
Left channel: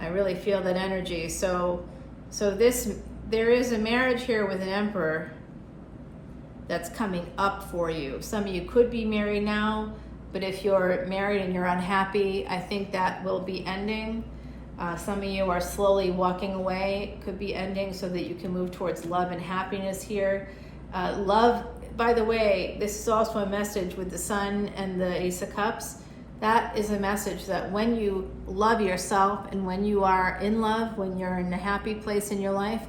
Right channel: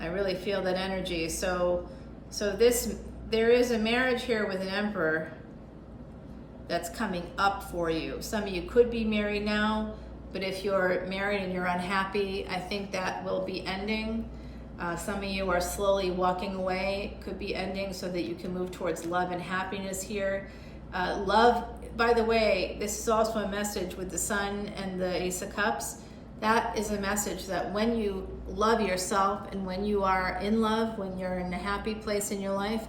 I really feel that energy. So there is a marriage here with an Emperor that's coming up for you. Some of you could be married now, but if you're married and you're unhappy, I think that will be ending. Some of you are slowly walking away, could be ending, so that you can move towards love and happiness here. Love, by the way, this is also a message with the Sun and the Ace of Cups. That is a message that when you love yourself and when you are in love, when you're in a happy place in your life,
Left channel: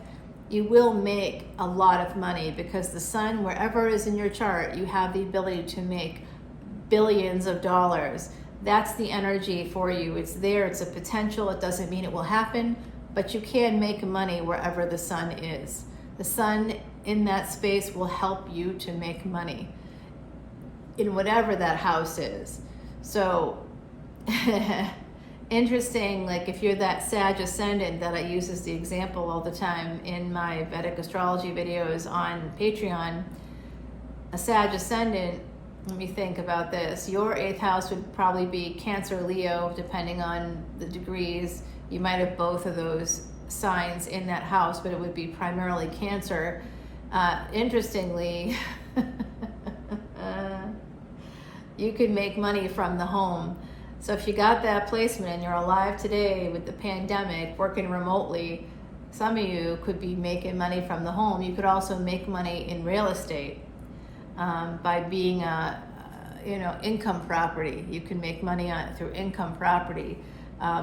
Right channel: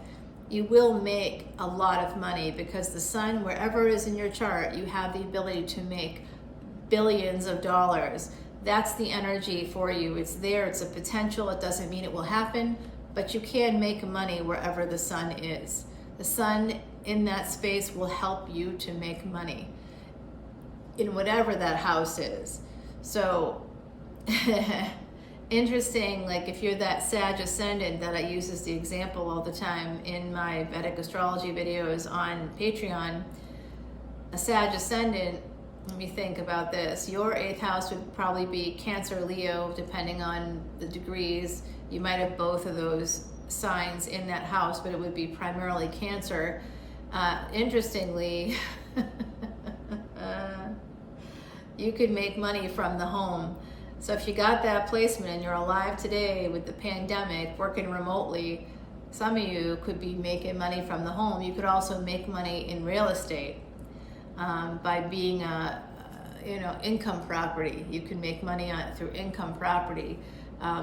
you will make a lot of money, because the Sun, wherever it is in your chart, you have the ability to make billions of dollars. That's the energy for you. It's there, it's a potential. It doesn't mean it will happen, but you can make money wherever the sun is. The sun in that space will help you to make money in whatever that house is. So interesting, like if you're that Sag Ascendant that I use as the example all the time in my Vedic Astrology videos on Patreon, a Sag Ascendant, let me think about this. Your 8th house would probably be Cancer, Leo, depending on the degrees. You might have both of those signs in that house, but it would be primarily Cancer. Interestingly, you could make money from the home. So if you got that placement and you're alive today with the pandemic, working remotely, some of you could be making money from the home. You could also make money in real estate by being a income property. You can make money through income property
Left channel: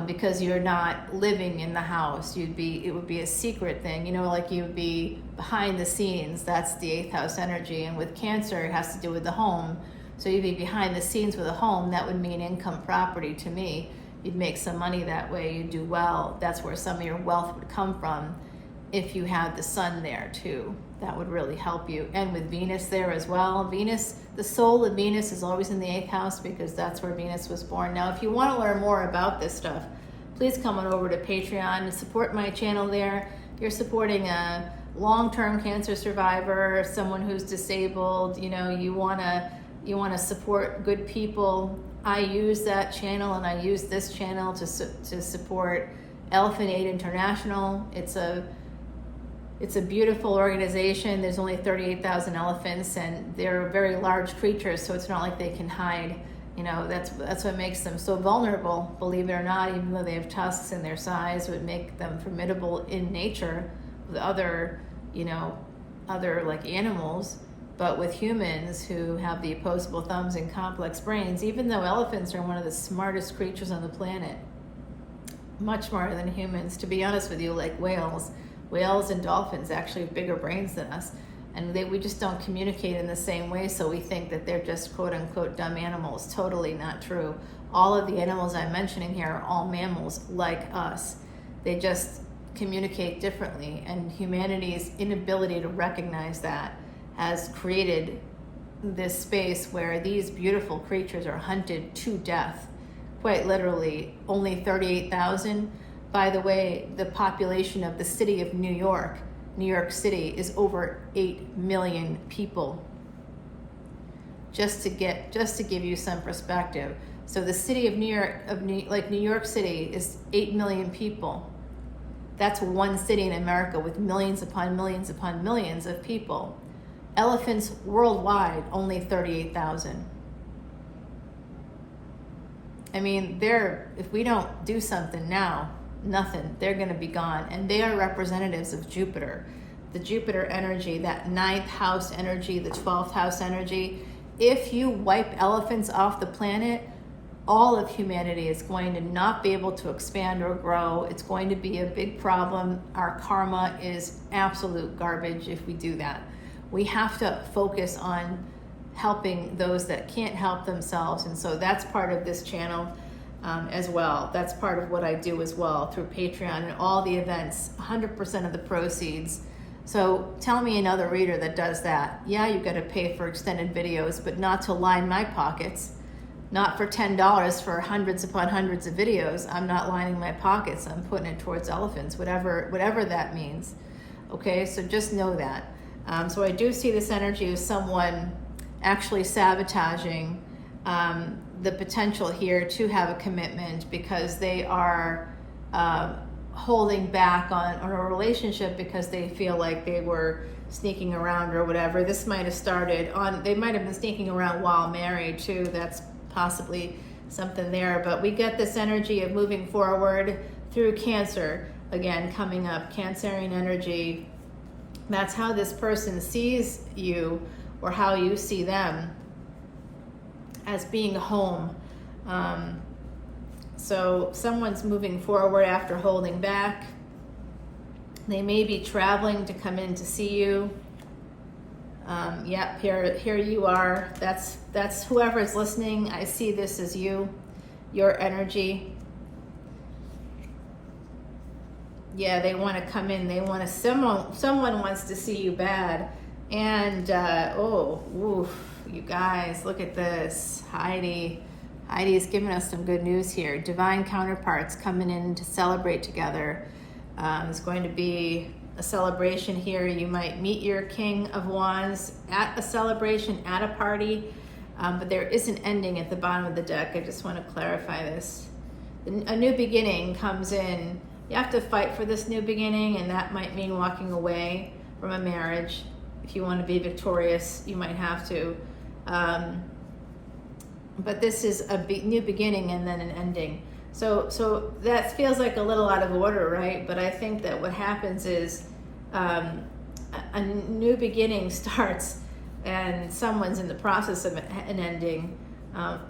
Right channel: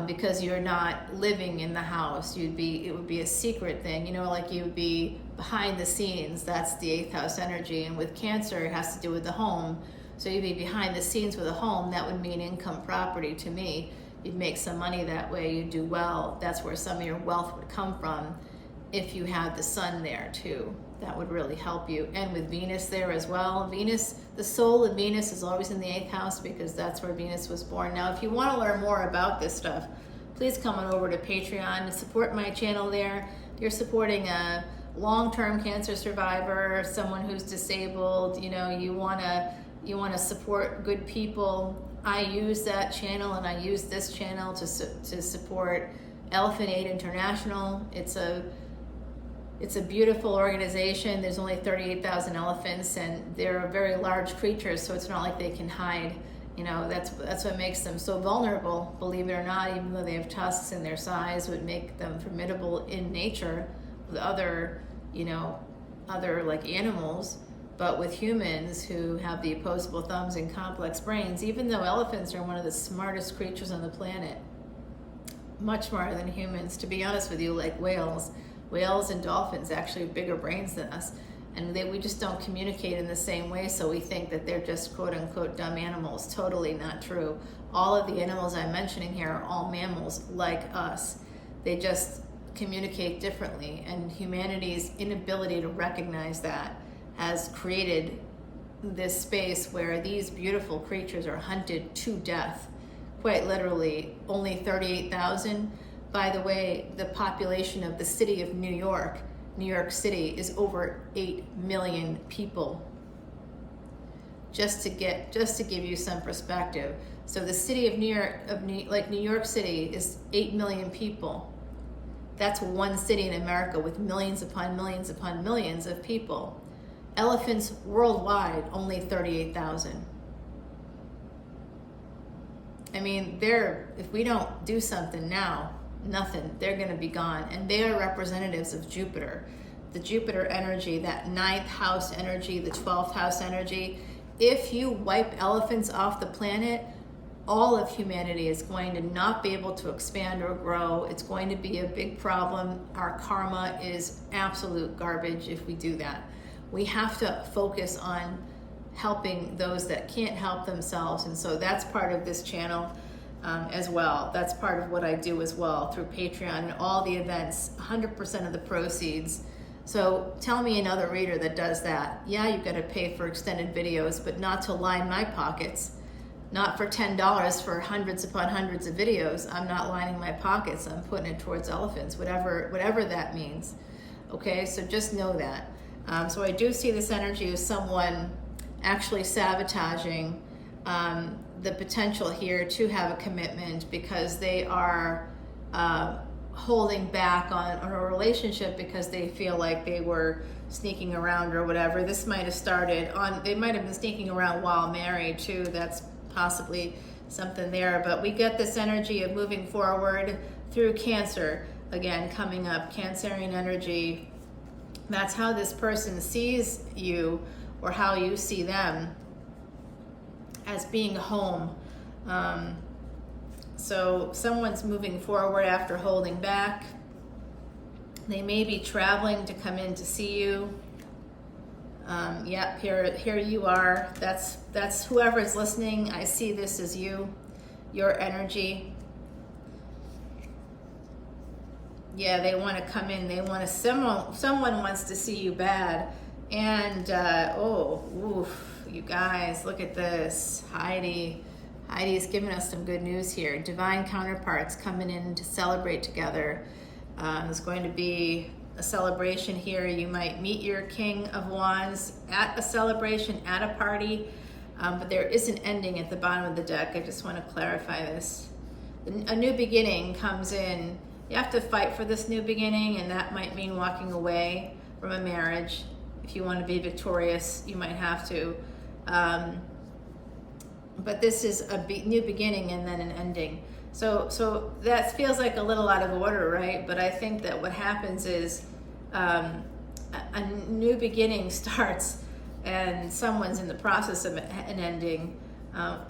because you're not living in the house. It would be a secret thing, like you would be behind the scenes. That's the 8th house energy. And with Cancer, it has to do with the home. So you'd be behind the scenes with a home. That would mean income property to me. You'd make some money that way. You'd do well. That's where some of your wealth would come from if you had the sun there too. That would really help you. And with Venus there as well. Venus, the soul of Venus is always in the 8th house because that's where Venus was born. Now, if you want to learn more about this stuff, please come on over to Patreon and support my channel there. If you're supporting a long-term cancer survivor, someone who's disabled, you want to support good people. I use that channel and I use this channel to support Elephant Aid International. It's a beautiful organization. There's only 38,000 elephants and they're very large creatures, so it's not like they can hide. That's what makes them so vulnerable, believe it or not. Even though they have tusks and their size would make them formidable in nature with other like animals. But with humans who have the opposable thumbs and complex brains, even though elephants are one of the smartest creatures on the planet, much smarter than humans, to be honest with you, like whales and dolphins actually have bigger brains than us, and we just don't communicate in the same way, so we think that they're just quote-unquote dumb animals. Totally not true. All of the animals I'm mentioning here are all mammals like us. They just communicate differently, and humanity's inability to recognize that has created this space where these beautiful creatures are hunted to death, quite literally. Only 38,000. By the way, the population of the city of New York City, is over 8 million people. Just to give you some perspective. So the city of New York City is 8 million people. That's one city in America with millions upon millions upon millions of people. Elephants worldwide, only 38,000. I mean, if we don't do something now, nothing, they're going to be gone. And they are representatives of Jupiter. The Jupiter energy, that 9th house energy, the 12th house energy. If you wipe elephants off the planet, all of humanity is going to not be able to expand or grow. It's going to be a big problem. Our karma is absolute garbage if we do that. We have to focus on helping those that can't help themselves. And so that's part of this channel as well. That's part of what I do as well through Patreon and all the events, 100% of the proceeds. So tell me another reader that does that. Yeah, you got to pay for extended videos, but not to line my pockets. Not for $10 for hundreds upon hundreds of videos. I'm not lining my pockets. I'm putting it towards elephants, whatever that means. Okay, so just know that. So I do see this energy of someone actually sabotaging the potential here to have a commitment because they are holding back on a relationship because they feel like they were sneaking around or whatever. This might have started they might have been sneaking around while married too. That's possibly something there. But we get this energy of moving forward through Cancer. Again, coming up, Cancerian energy. That's how this person sees you or how you see them, as being home. So someone's moving forward after holding back. They may be traveling to come in to see you. Yep, here you are. That's whoever's listening. I see this as you, your energy. Yeah, they want to come in. They want to, someone wants to see you bad. And, oh, oof, you guys, look at this. Heidi's giving us some good news here. Divine counterparts coming in to celebrate together. It's going to be a celebration here. You might meet your King of Wands at a celebration, at a party, but there is an ending at the bottom of the deck. I just want to clarify this. A new beginning comes in. You have to fight for this new beginning, and that might mean walking away from a marriage. If you want to be victorious, you might have to. But this is a new beginning and then an ending. So that feels like a little out of order, right? But I think that what happens is a new beginning starts and someone's in the process of an ending.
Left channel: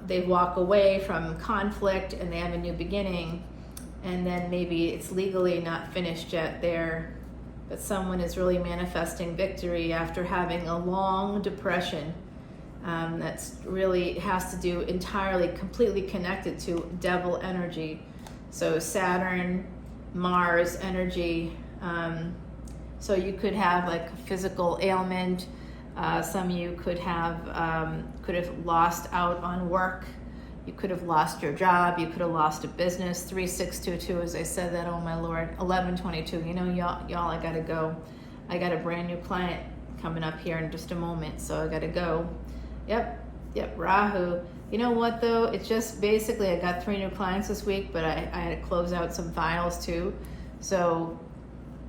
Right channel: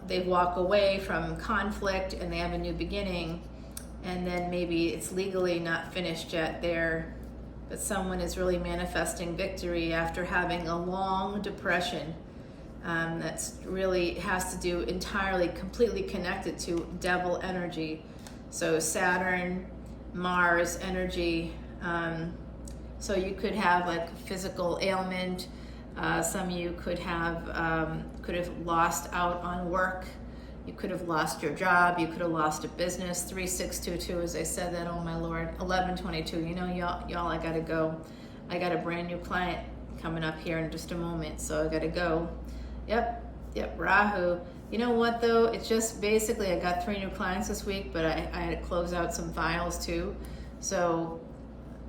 They walk away from conflict and they have a new beginning, and then maybe it's legally not finished yet there, but someone is really manifesting victory after having a long depression. That's really has to do entirely, completely connected to devil energy. So Saturn, Mars energy. So you could have like a physical ailment. Some of you could have lost out on work. You could have lost your job. You could have lost a business. 3622, as I said that, oh my Lord. 1122, you know, y'all, I gotta go. I got a brand new client coming up here in just a moment, so I gotta go. Yep, Rahu. You know what though? It's just basically I got 3 new clients this week, but I had to close out some files too. So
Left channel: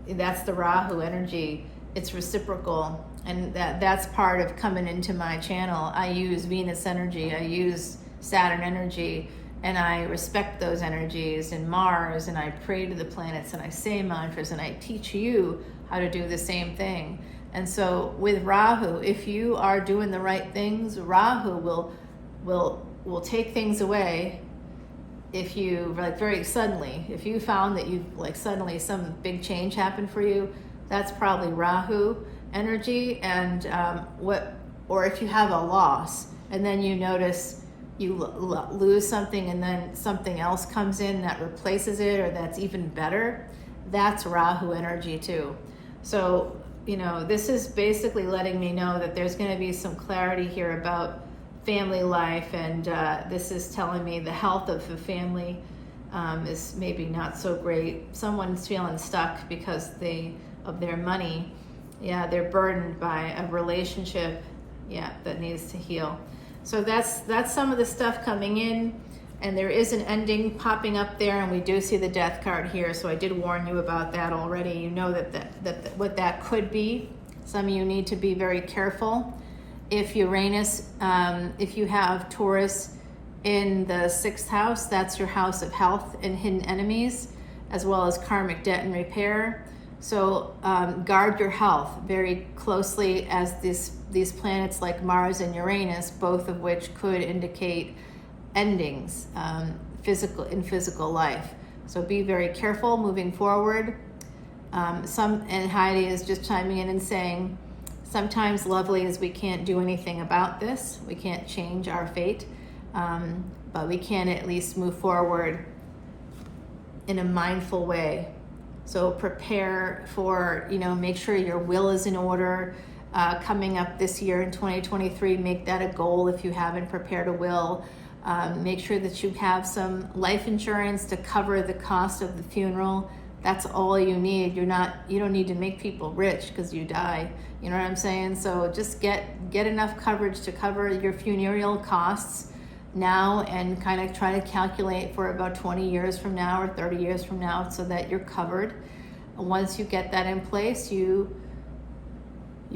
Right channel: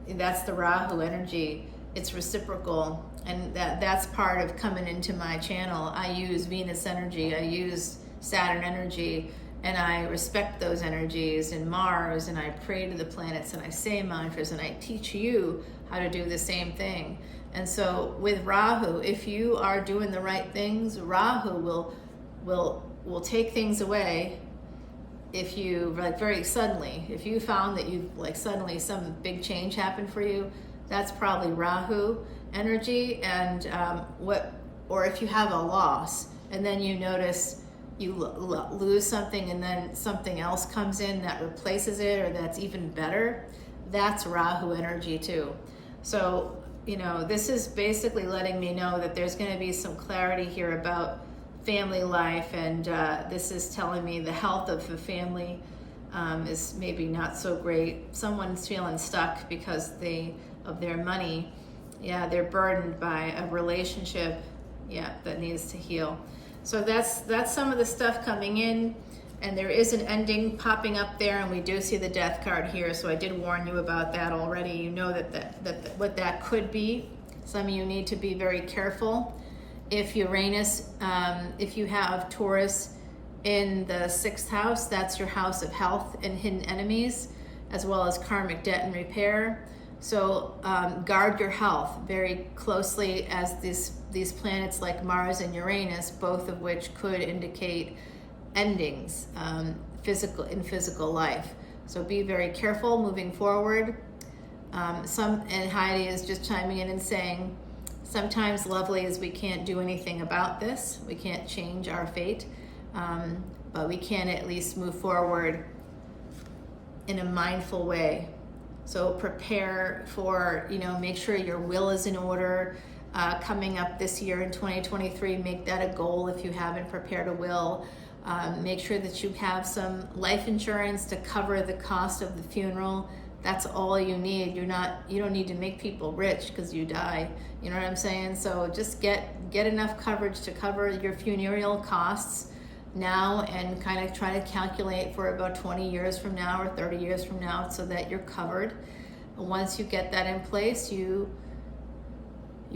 that's the Rahu energy. It's reciprocal, and that's part of coming into my channel. I use Venus energy, I use Saturn energy, and I respect those energies, and Mars, and I pray to the planets, and I say mantras, and I teach you how to do the same thing. And so with Rahu, if you are doing the right things, Rahu will take things away. If you, like, very suddenly, if you found that you, like, suddenly some big change happened for you, that's probably Rahu energy. And or if you have a loss and then you notice you lose something and then something else comes in that replaces it, or that's even better, that's Rahu energy too. So, you know, this is basically letting me know that there's going to be some clarity here about family life, and this is telling me the health of the family is maybe not so great. Someone's feeling stuck because of their money. Yeah, they're burdened by a relationship, yeah, that needs to heal. So that's some of the stuff coming in, and there is an ending popping up there, and we do see the death card here, so I did warn you about that already. You know that what that could be. Some of you need to be very careful. If Uranus, if you have Taurus in the 6th house, that's your house of health and hidden enemies, as well as karmic debt and repair. So guard your health very closely, as these planets like Mars and Uranus, both of which could indicate endings in physical life. So be very careful moving forward. And Heidi is just chiming in and saying, sometimes, lovelies, we can't do anything about this. We can't change our fate, but we can at least move forward in a mindful way. So prepare for, make sure your will is in order. Coming up this year in 2023, make that a goal if you haven't prepared a will. Make sure that you have some life insurance to cover the cost of the funeral. That's all you need. You don't need to make people rich because you die. You know what I'm saying? So just get enough coverage to cover your funeral costs now, and kind of try to calculate for about 20 years from now or 30 years from now so that you're covered. And once you get that in place, you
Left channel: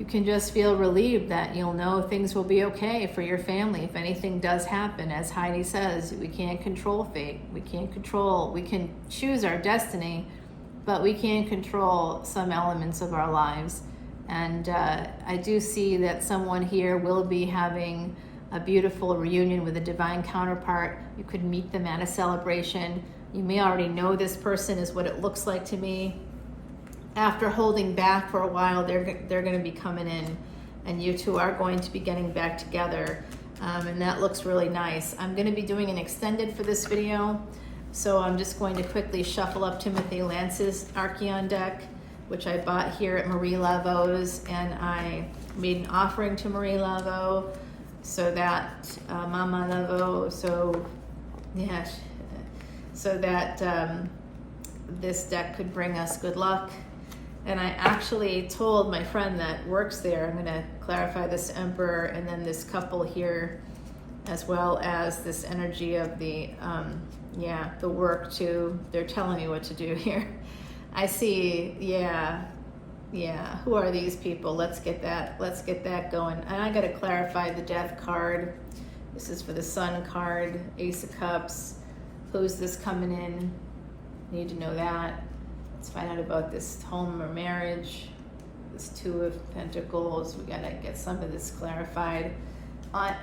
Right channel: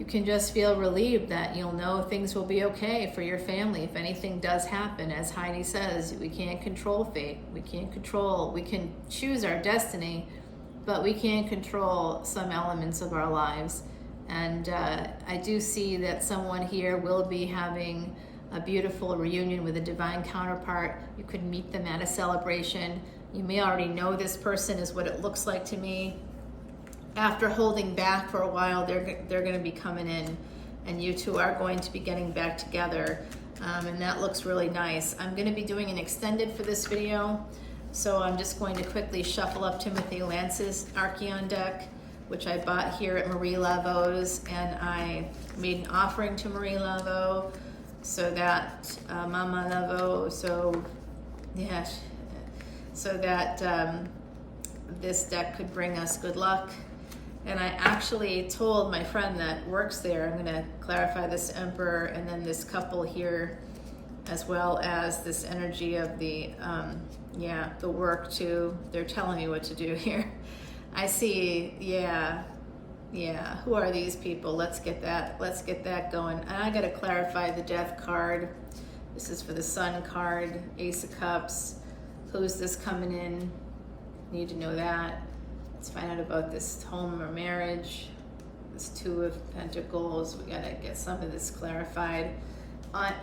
can just feel relieved that you'll know things will be okay for your family if anything does happen. As Heidi says, we can't control fate. We can choose our destiny, but we can't control some elements of our lives. And I do see that someone here will be having a beautiful reunion with a divine counterpart. You could meet them at a celebration. You may already know this person, is what it looks like to me. After holding back for a while, they're going to be coming in, and you two are going to be getting back together, and that looks really nice. I'm going to be doing an extended for this video. So I'm just going to quickly shuffle up Timothy Lance's Archeon deck, which I bought here at Marie Laveau's, and I made an offering to Marie Laveau, so that Mama Laveau, so yeah, so that this deck could bring us good luck. And I actually told my friend that works there, I'm going to clarify this Emperor and then this couple here, as well as this energy of the the work too. They're telling me what to do here. I see, yeah, who are these people? Let's get that going. And I got to clarify the Death card. This is for the Sun card, Ace of Cups. Who's this coming in? Need to know that. Let's find out about this home or marriage. This Two of Pentacles. We got to get some of this clarified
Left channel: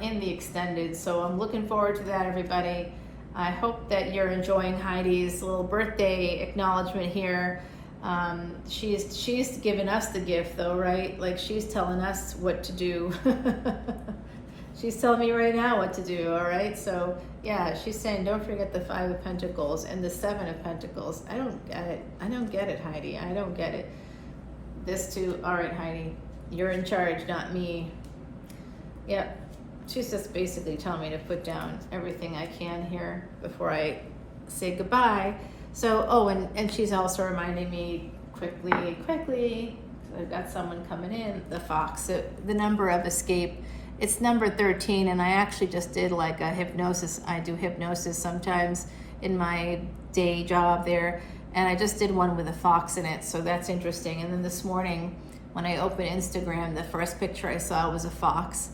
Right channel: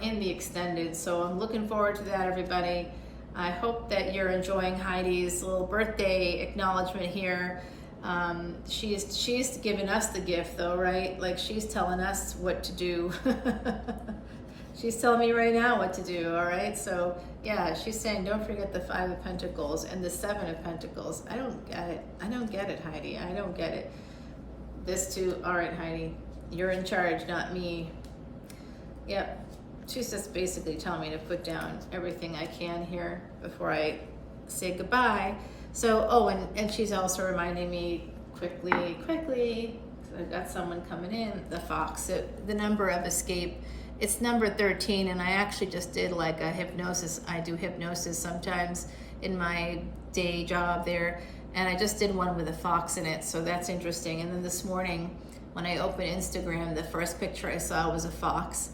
in the extended. So I'm looking forward to that, everybody. I hope that you're enjoying Heidi's little birthday acknowledgement here. She's giving us the gift though, right? Like, she's telling us what to do. She's telling me right now what to do, all right? So yeah, she's saying don't forget the Five of Pentacles and the Seven of Pentacles. I don't get it, Heidi. I don't get it. This too, all right, Heidi, you're in charge, not me. Yep. She's just basically telling me to put down everything I can here before I say goodbye. So, oh, and she's also reminding me quickly, I've got someone coming in, the Fox, the number of escape. It's number 13, and I actually just did like a hypnosis. I do hypnosis sometimes in my day job there, and I just did one with a fox in it, so that's interesting. And then this morning, when I opened Instagram, the first picture I saw was a fox.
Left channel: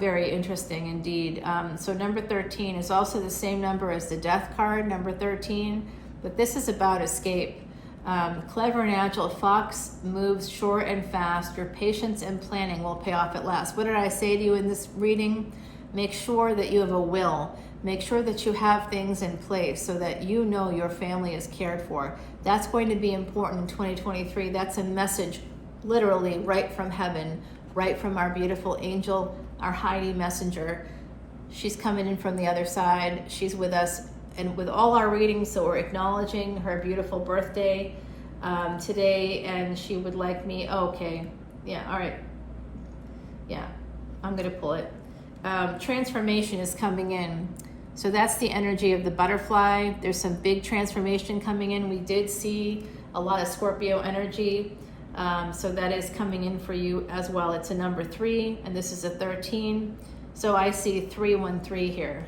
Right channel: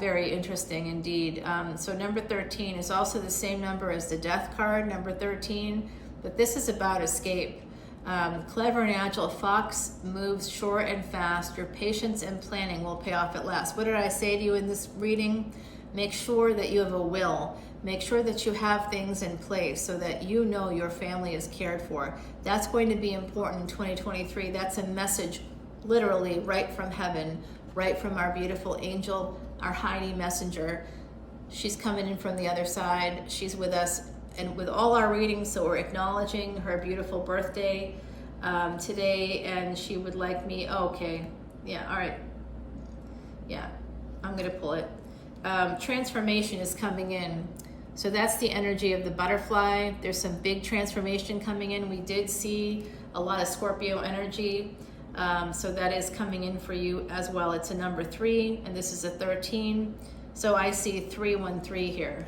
Very interesting indeed. So number 13 is also the same number as the Death card, number 13, but this is about escape. Clever and agile, fox moves short and fast. Your patience and planning will pay off at last. What did I say to you in this reading? Make sure that you have a will. Make sure that you have things in place so that you know your family is cared for. That's going to be important in 2023. That's a message literally right from heaven, right from our beautiful angel, our Heidi messenger. She's coming in from the other side. She's with us and with all our readings, so we're acknowledging her beautiful birthday today, and she would like me, okay, yeah, all right, yeah, I'm gonna pull it. Transformation is coming in. So that's the energy of the butterfly. There's some big transformation coming in. We did see a lot of Scorpio energy. So that is coming in for you as well. It's a number 3, and this is a 13. So I see 313 here.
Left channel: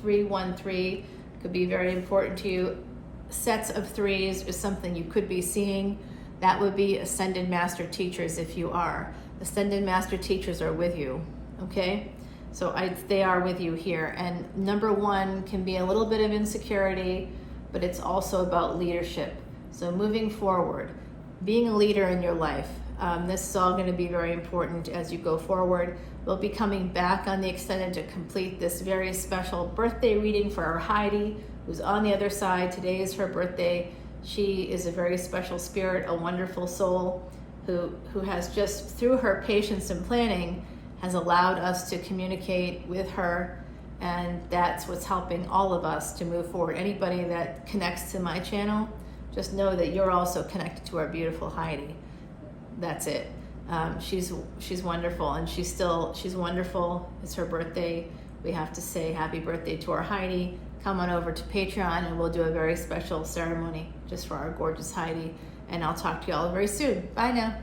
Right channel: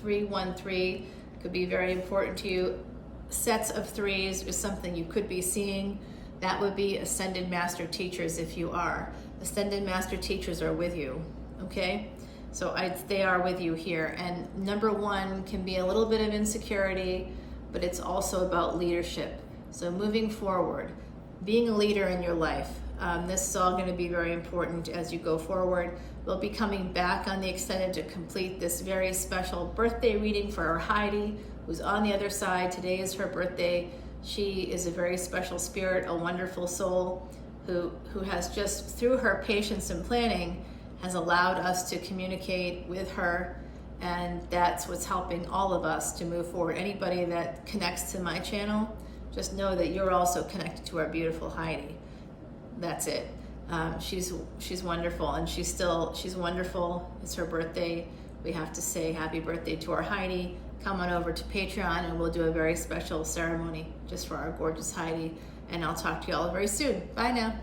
313 could be very important to you. Sets of 3s is something you could be seeing. That would be Ascended Master Teachers if you are. Ascended Master Teachers are with you, okay? So they are with you here. And number 1 can be a little bit of insecurity, but it's also about leadership. So moving forward, being a leader in your life. This is all going to be very important as you go forward. We'll be coming back on the extended to complete this very special birthday reading for our Heidi, who's on the other side. Today is her birthday. She is a very special spirit, a wonderful soul who has just, through her patience and planning, has allowed us to communicate with her, and that's what's helping all of us to move forward. Anybody that connects to my channel, just know that you're also connected to our beautiful Heidi. That's it. She's wonderful, and she's wonderful. It's her birthday. We have to say happy birthday to our Heidi. Come on over to Patreon, and we'll do a very special ceremony just for our gorgeous Heidi. And I'll talk to you all very soon. Bye now.